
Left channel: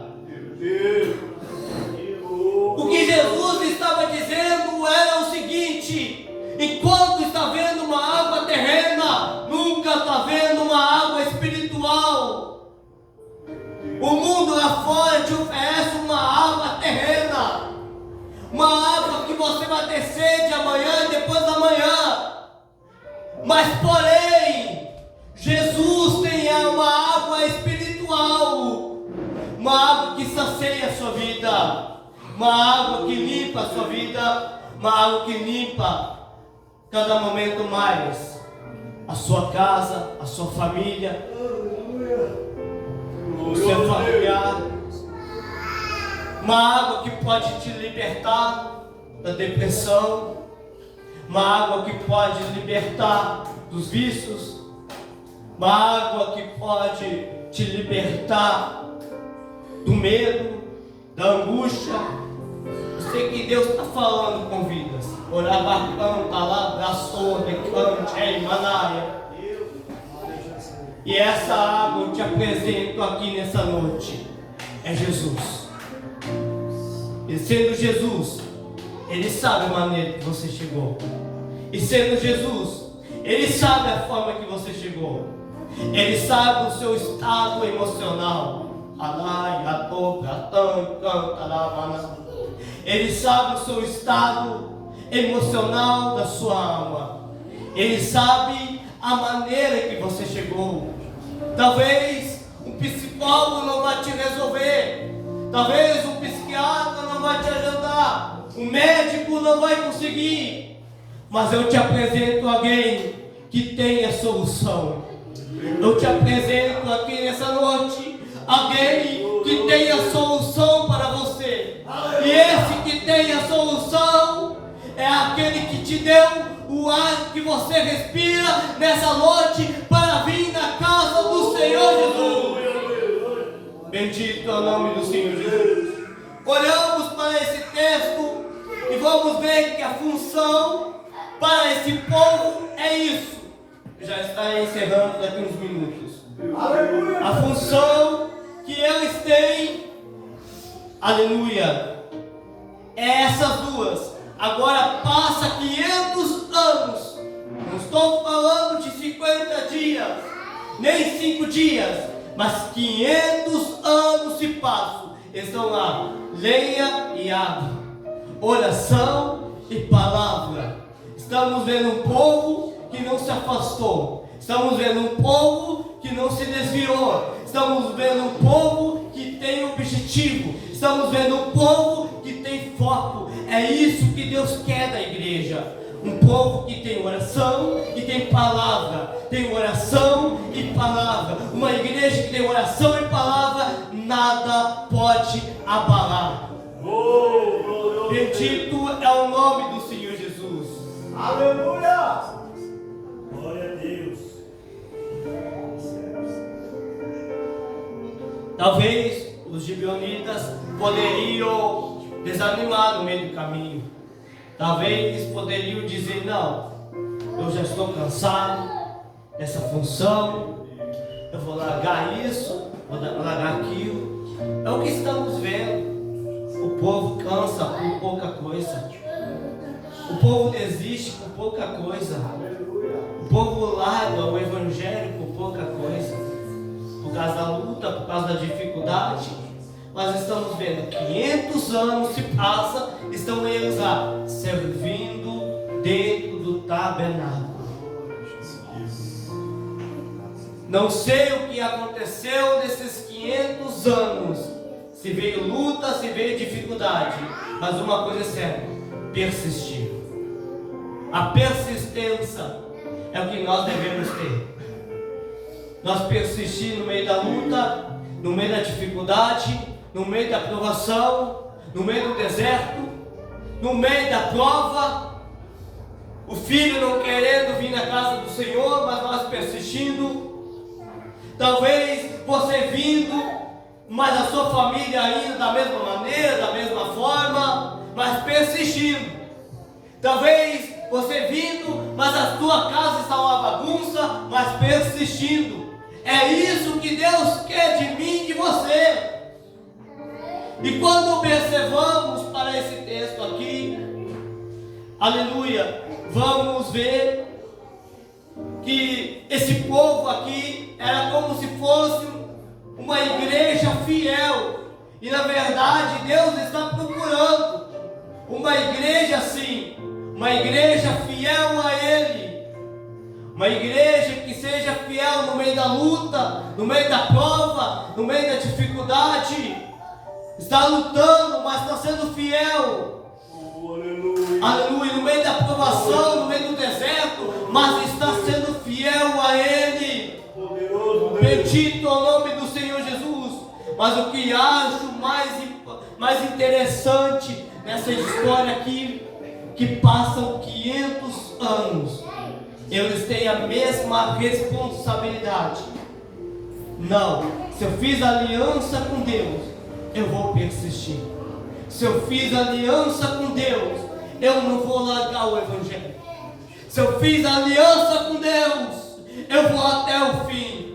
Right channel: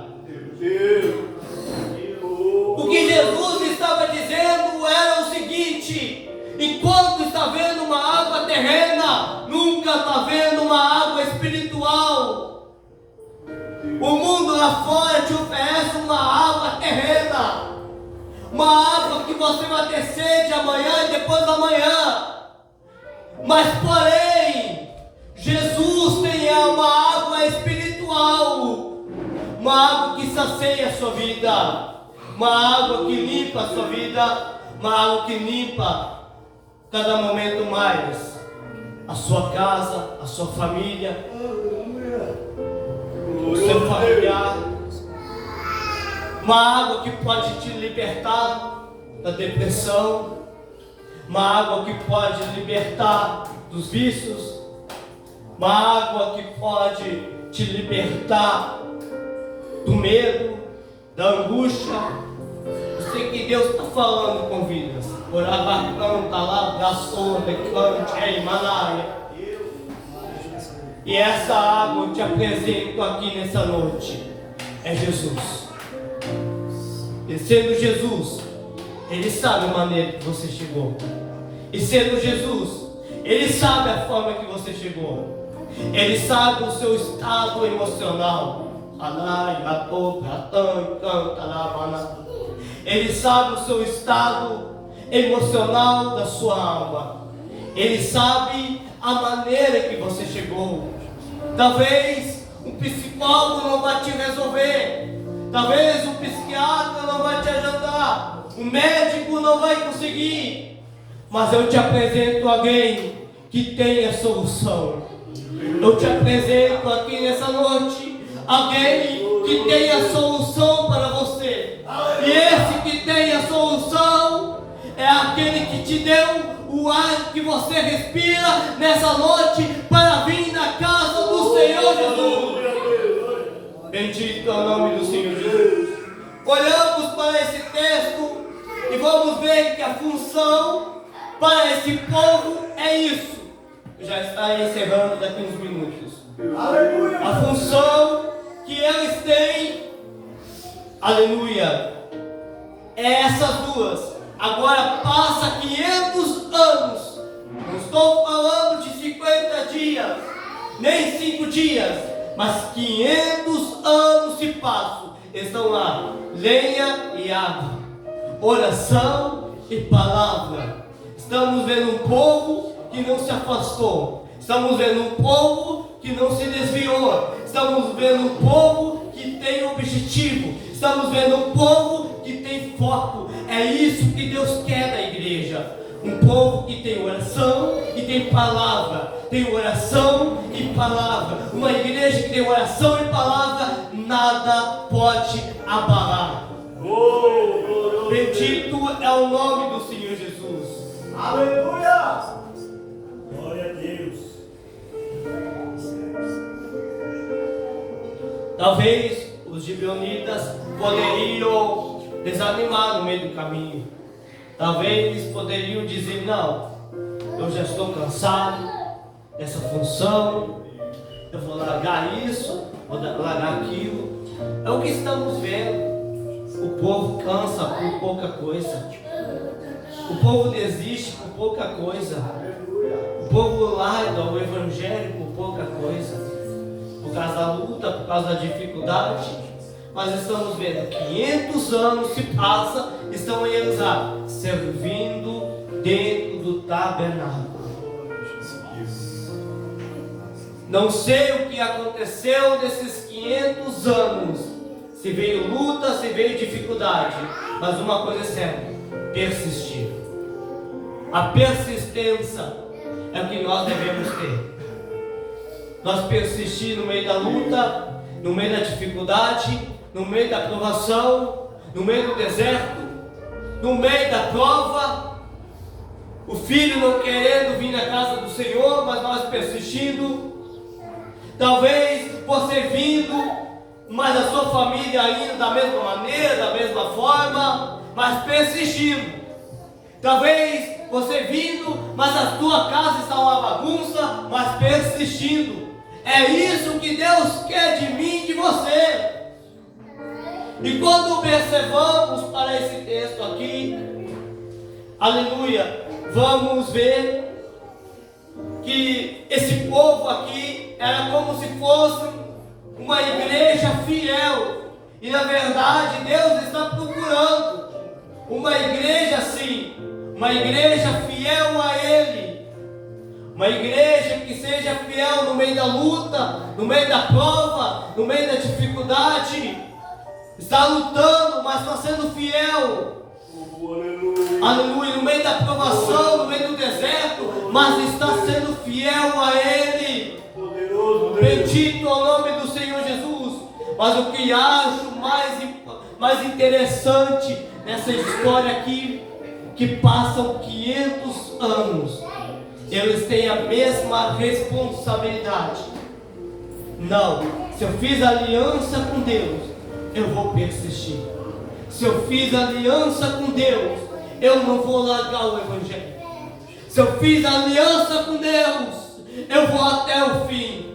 O que Jesus estava dizendo era o seguinte: enquanto está vendo uma água terrena, nunca está vendo uma água espiritual. O mundo lá fora te oferece uma água terrena, uma água que você vai ter sede amanhã e depois da manhã. Mas porém, Jesus tem uma água espiritual, uma água que sacia a sua vida, uma água que limpa a sua vida, uma água que limpa cada momento mais a sua casa, a sua família, o seu familiar. Uma água que pode te libertar da depressão, uma água que pode libertar dos vícios, uma água que pode te libertar do medo, da angústia. Eu sei que Deus está falando com vidas. Orabacanta, labraçona, cante, manaia. E essa água eu te apresento aqui nessa noite. É Jesus. E sendo Jesus, Ele sabe a maneira que você chegou. E sendo Jesus, Ele sabe a forma que você chegou. Ele sabe o seu estado emocional. Ele sabe o seu estado emocional da sua alma. Ele sabe a maneira que você chegou. Talvez um psicólogo não vai te resolver. Talvez um psiquiatra não vai te ajudar. Um médico não vai conseguir. Mas eu te apresento alguém que tem a solução. Eu te apresento aqui nessa noite alguém que tem a solução para você. E esse que tem a solução é aquele que te deu o ar que você respira nessa noite para vir na casa do Senhor Jesus. Bendito é o nome do Senhor Jesus. Olhamos para esse texto e vamos ver que a função para esse povo é isso. Já está encerrando daqui uns minutos. A função que eles têm, aleluia, é essas duas. Agora passa 500 anos. Não estou falando de 50 dias, nem 5 dias, mas 500 anos se passam. Estão lá, lenha e água, oração e palavra. Estamos vendo um povo que não se afastou. Estamos vendo um povo que não se desviou. Estamos vendo um povo que tem objetivo. Estamos vendo um povo que tem foco. É isso que Deus quer da igreja. Um povo que tem oração e tem palavra. Tem oração e palavra. Uma igreja que tem oração e palavra, nada pode abalar. Bendito é o nome do Senhor Jesus. Aleluia! Glória a Deus. Talvez os gibeonitas poderiam desanimar no meio do caminho. Talvez poderiam dizer: não, eu já estou cansado dessa função, eu vou largar isso, vou largar aquilo. É o que estamos vendo. O povo cansa por pouca coisa. O povo desiste por pouca coisa. O povo larga o evangelho por pouca coisa. Por causa da luta, por causa da dificuldade. Mas estamos vendo, 500 anos se passa, estão eles lá, servindo dentro do tabernáculo. Não sei o que aconteceu nesses 500 anos. Se veio luta, se veio dificuldade. Mas uma coisa é certa: persistir. A persistência é o que nós devemos ter. Nós persistir no meio da luta, no meio da dificuldade, no meio da provação, no meio do deserto, no meio da prova. O filho não querendo vir na casa do Senhor, mas nós persistindo. Talvez você vindo, mas a sua família ainda da mesma maneira, da mesma forma, mas persistindo. Talvez você vindo, mas a tua casa está uma bagunça, mas persistindo. É isso que Deus quer de mim e de você. E quando observamos para esse texto aqui, aleluia, vamos ver que esse povo aqui era como se fosse uma igreja fiel. E na verdade Deus está procurando uma igreja assim, uma igreja fiel a Ele, uma igreja que seja fiel no meio da luta, no meio da prova, no meio da dificuldade. Está lutando, mas está sendo fiel. Aleluia. Aleluia, no meio da provação, no meio do deserto, mas está sendo fiel a Ele. Poderoso Deus. Bendito é o nome do Senhor Jesus. Mas o que acho mais interessante nessa história aqui, que passam 500 anos, eles têm a mesma responsabilidade. Não, se eu fiz aliança com Deus, eu vou persistir. Se eu fiz aliança com Deus, eu não vou largar o Evangelho. Se eu fiz aliança com Deus, eu vou até o fim.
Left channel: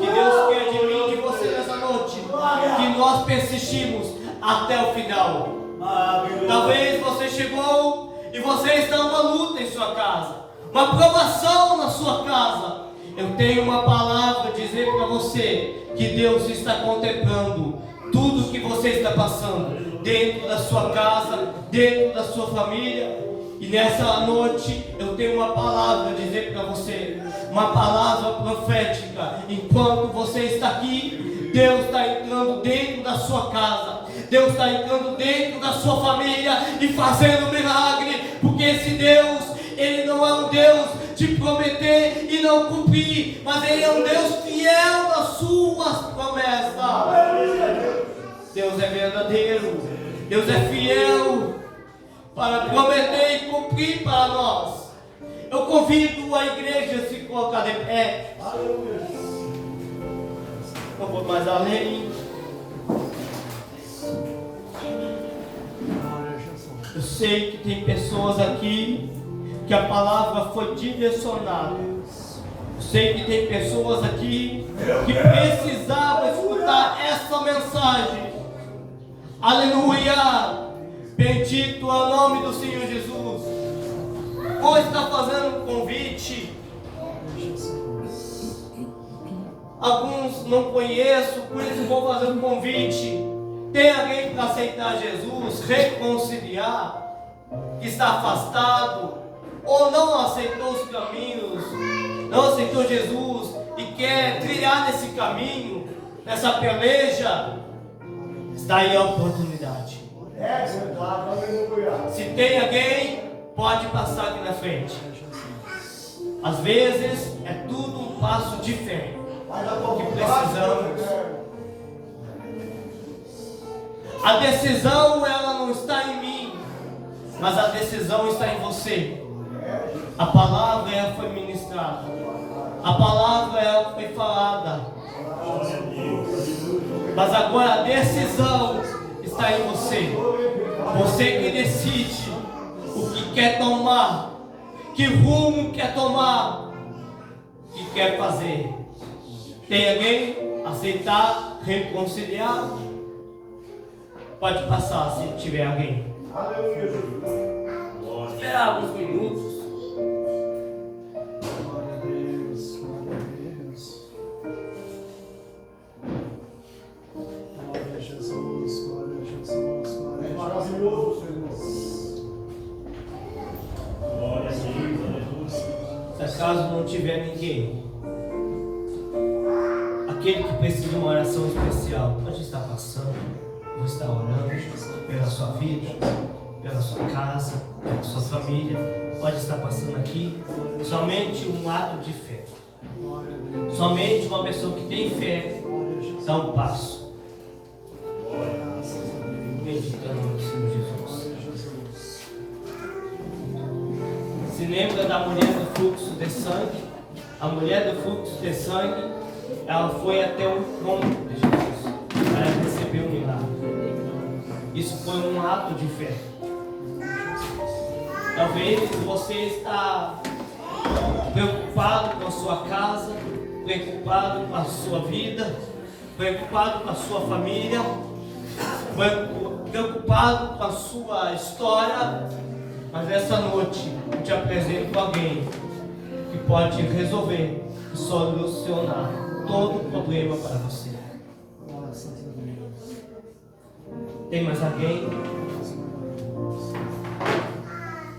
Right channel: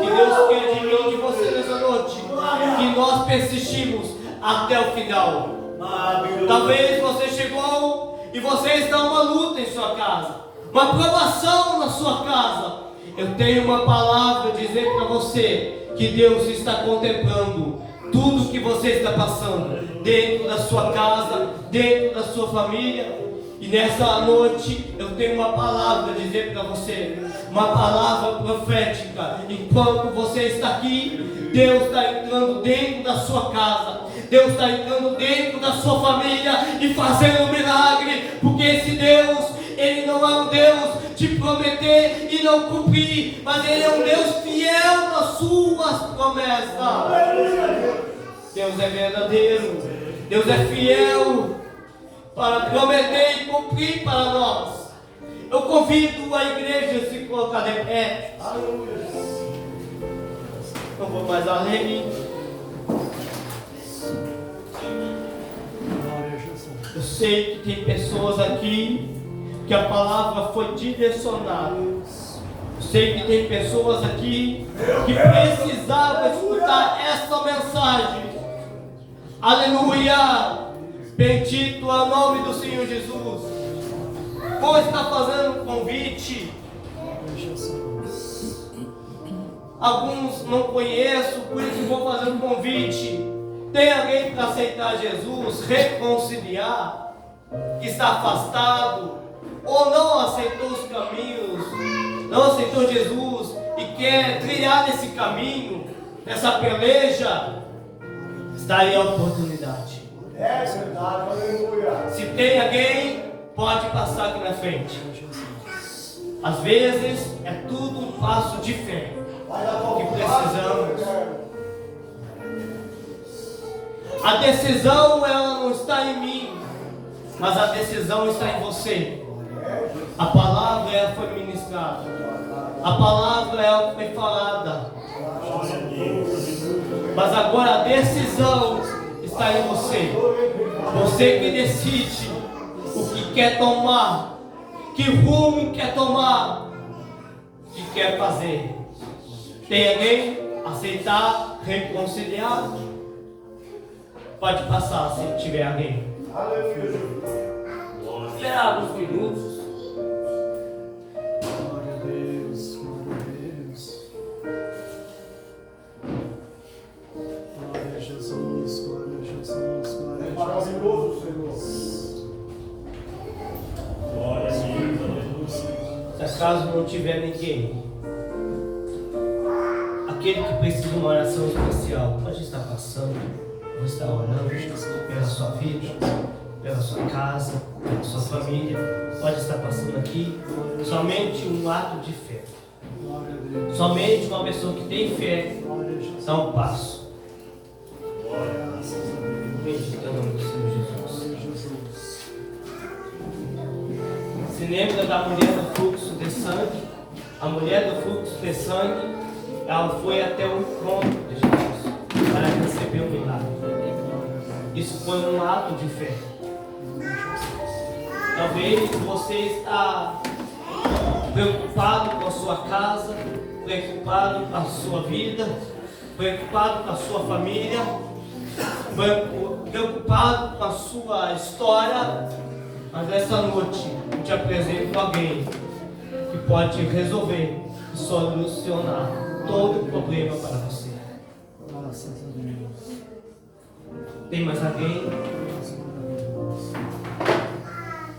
Que Deus quer de mim, de você nessa noite, que nós persistimos até o final. Talvez você chegou e você está numa luta em sua casa, uma provação na sua casa. Eu tenho uma palavra a dizer para você, que Deus está contemplando tudo que você está passando, dentro da sua casa, dentro da sua família. E nessa noite eu tenho uma palavra a dizer para você, uma palavra profética. Enquanto você está aqui, Deus está entrando dentro da sua casa, Deus está entrando dentro da sua família e fazendo um milagre, porque esse Deus, Ele não é um Deus de prometer e não cumprir, mas Ele é um Deus fiel às suas promessas. Deus é verdadeiro, Deus é fiel para prometer e cumprir para nós. Eu convido a igreja a se colocar de pé. Não vou mais além. Eu sei que tem pessoas aqui que a palavra foi direcionada. Eu sei que tem pessoas aqui que precisavam escutar essa mensagem. Aleluia! Bendito é o nome do Senhor Jesus. Ou está fazendo um convite. Alguns não conheço, por isso vou fazer um convite. Tem alguém para aceitar Jesus, reconciliar, que está afastado, ou não aceitou os caminhos, não aceitou Jesus e quer trilhar nesse caminho, nessa peleja? Está aí a oportunidade. É verdade, aleluia. Se tem alguém, pode passar aqui na frente. Às vezes é tudo um passo de fé que precisamos. A decisão, ela não está em mim, mas a decisão está em você. A palavra, ela foi ministrada, a palavra, ela foi falada, mas agora a decisão está em você. Você que decide o que quer tomar, que rumo quer tomar, o que quer fazer. Tem alguém? Aceitar, reconciliar? Pode passar se tiver alguém. Esperar alguns minutos. Glória a Deus, glória a Deus. Glória a Jesus, glória a Jesus, glória a Jesus. Maravilhoso, Senhor. Glória a Deus. Se acaso não tiver ninguém, aquele que precisa de uma oração especial, pode estar passando, pode estar orando pela sua vida, pela sua casa, pela sua família, pode estar passando aqui. Somente um ato de fé. Glória a Deus. Somente uma pessoa que tem fé Glória a Jesus. dá um passo. Graças a Deus. Bendito é o nome do Senhor Jesus. Glória a Jesus. Se lembra da mulher do fluxo de sangue? A mulher do fluxo de sangue, ela foi até o trono de Jesus para receber o milagre. Isso foi um ato de fé. Talvez você está preocupado com a sua casa, preocupado com a sua vida, preocupado com a sua família, preocupado com a sua história, mas essa noite eu te apresento alguém que pode resolver e solucionar todo o problema para você. Graças a Deus. Tem mais alguém?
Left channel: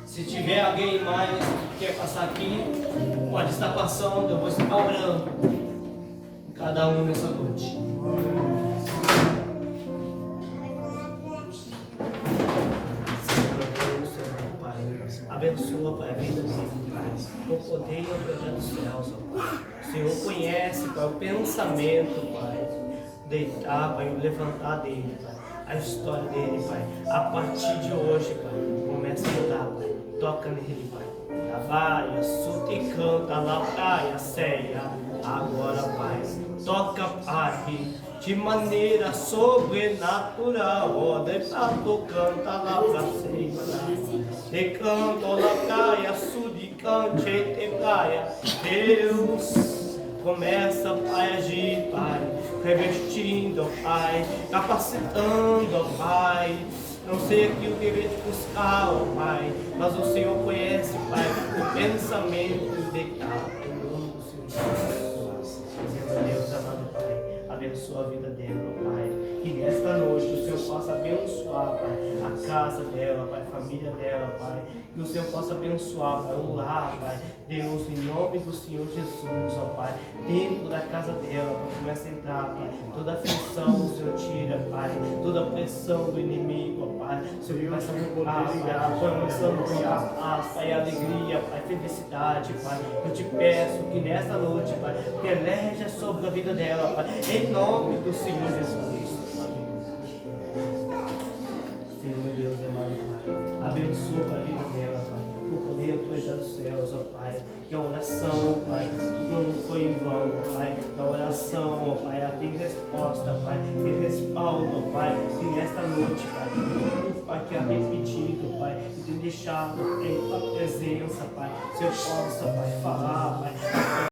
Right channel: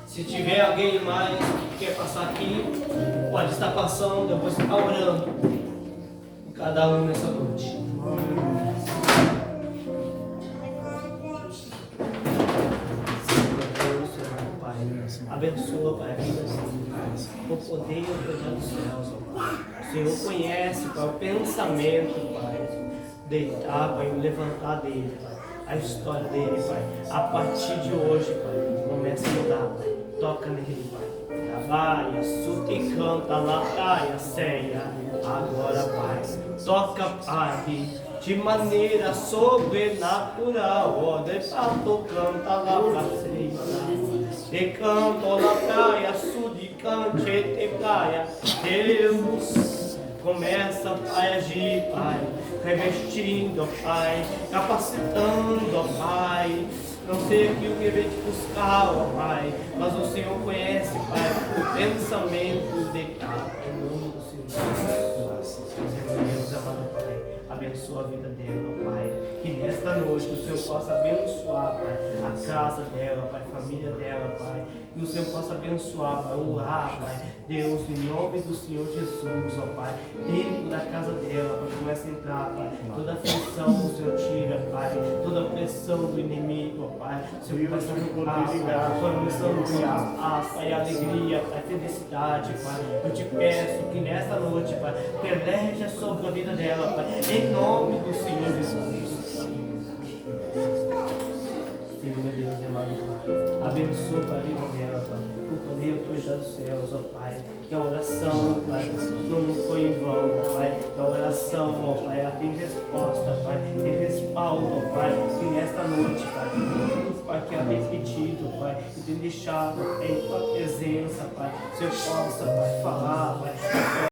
Se tiver alguém mais que quer passar aqui, pode estar passando, eu vou estar orando cada um nessa noite. Abençoa, Pai, a vida deles, o poder e a autoridade dos céus, ó Pai. O Senhor conhece, Pai, o pensamento, Pai, deitar, Pai, levantar dele, Pai. a história dele, Pai. A partir de hoje, Pai, começa a mudar, Pai. Toca nele, Pai. Trabalha, suta e canta, lá, praia, ceia. Agora, Pai, toca, Pai, de maneira sobrenatural. Ó, de fato, canta lá pra ceia. E canto lá, praia, sude, cante, te praia. Deus começa, Pai, a agir, Pai, revestindo, Pai, capacitando, Pai. Não sei o que veio te buscar, ó Pai, mas o Senhor conhece, Pai, o pensamento de cada um do Senhor. Meu Deus, amado Pai, abençoa a vida dela, ó Pai. Que nesta noite o Senhor possa abençoar, Pai, a casa dela, Pai, a família dela, Pai. Que o Senhor possa abençoar, Pai, o lar, Pai. Deus, em nome do Senhor Jesus, ó Pai, dentro da casa dela, Pai, começa a entrar, Pai, toda aflição o Senhor tira, Pai, toda pressão do inimigo, ó Pai, o Senhor começa a arrancar, Pai, começando a paz, Pai, alegria, Pai, felicidade, Pai. Eu te peço que nesta noite, Pai, peleja sobre a vida dela, Pai, em nome do Senhor Jesus. Senhor, meu Deus, amado Pai, abençoa a vida dela, Pai, por poder autoridade dos céus, ó Pai, que a oração, Pai, não foi em vão, Pai, que a oração, ó Pai, ela tem resposta, Pai, tem respaldo, ó Pai, que nesta noite, Pai, tudo, Pai, que ela tem pedido, Pai, e tem deixado em tua presença, Pai, se eu possa, Pai, falar, Pai,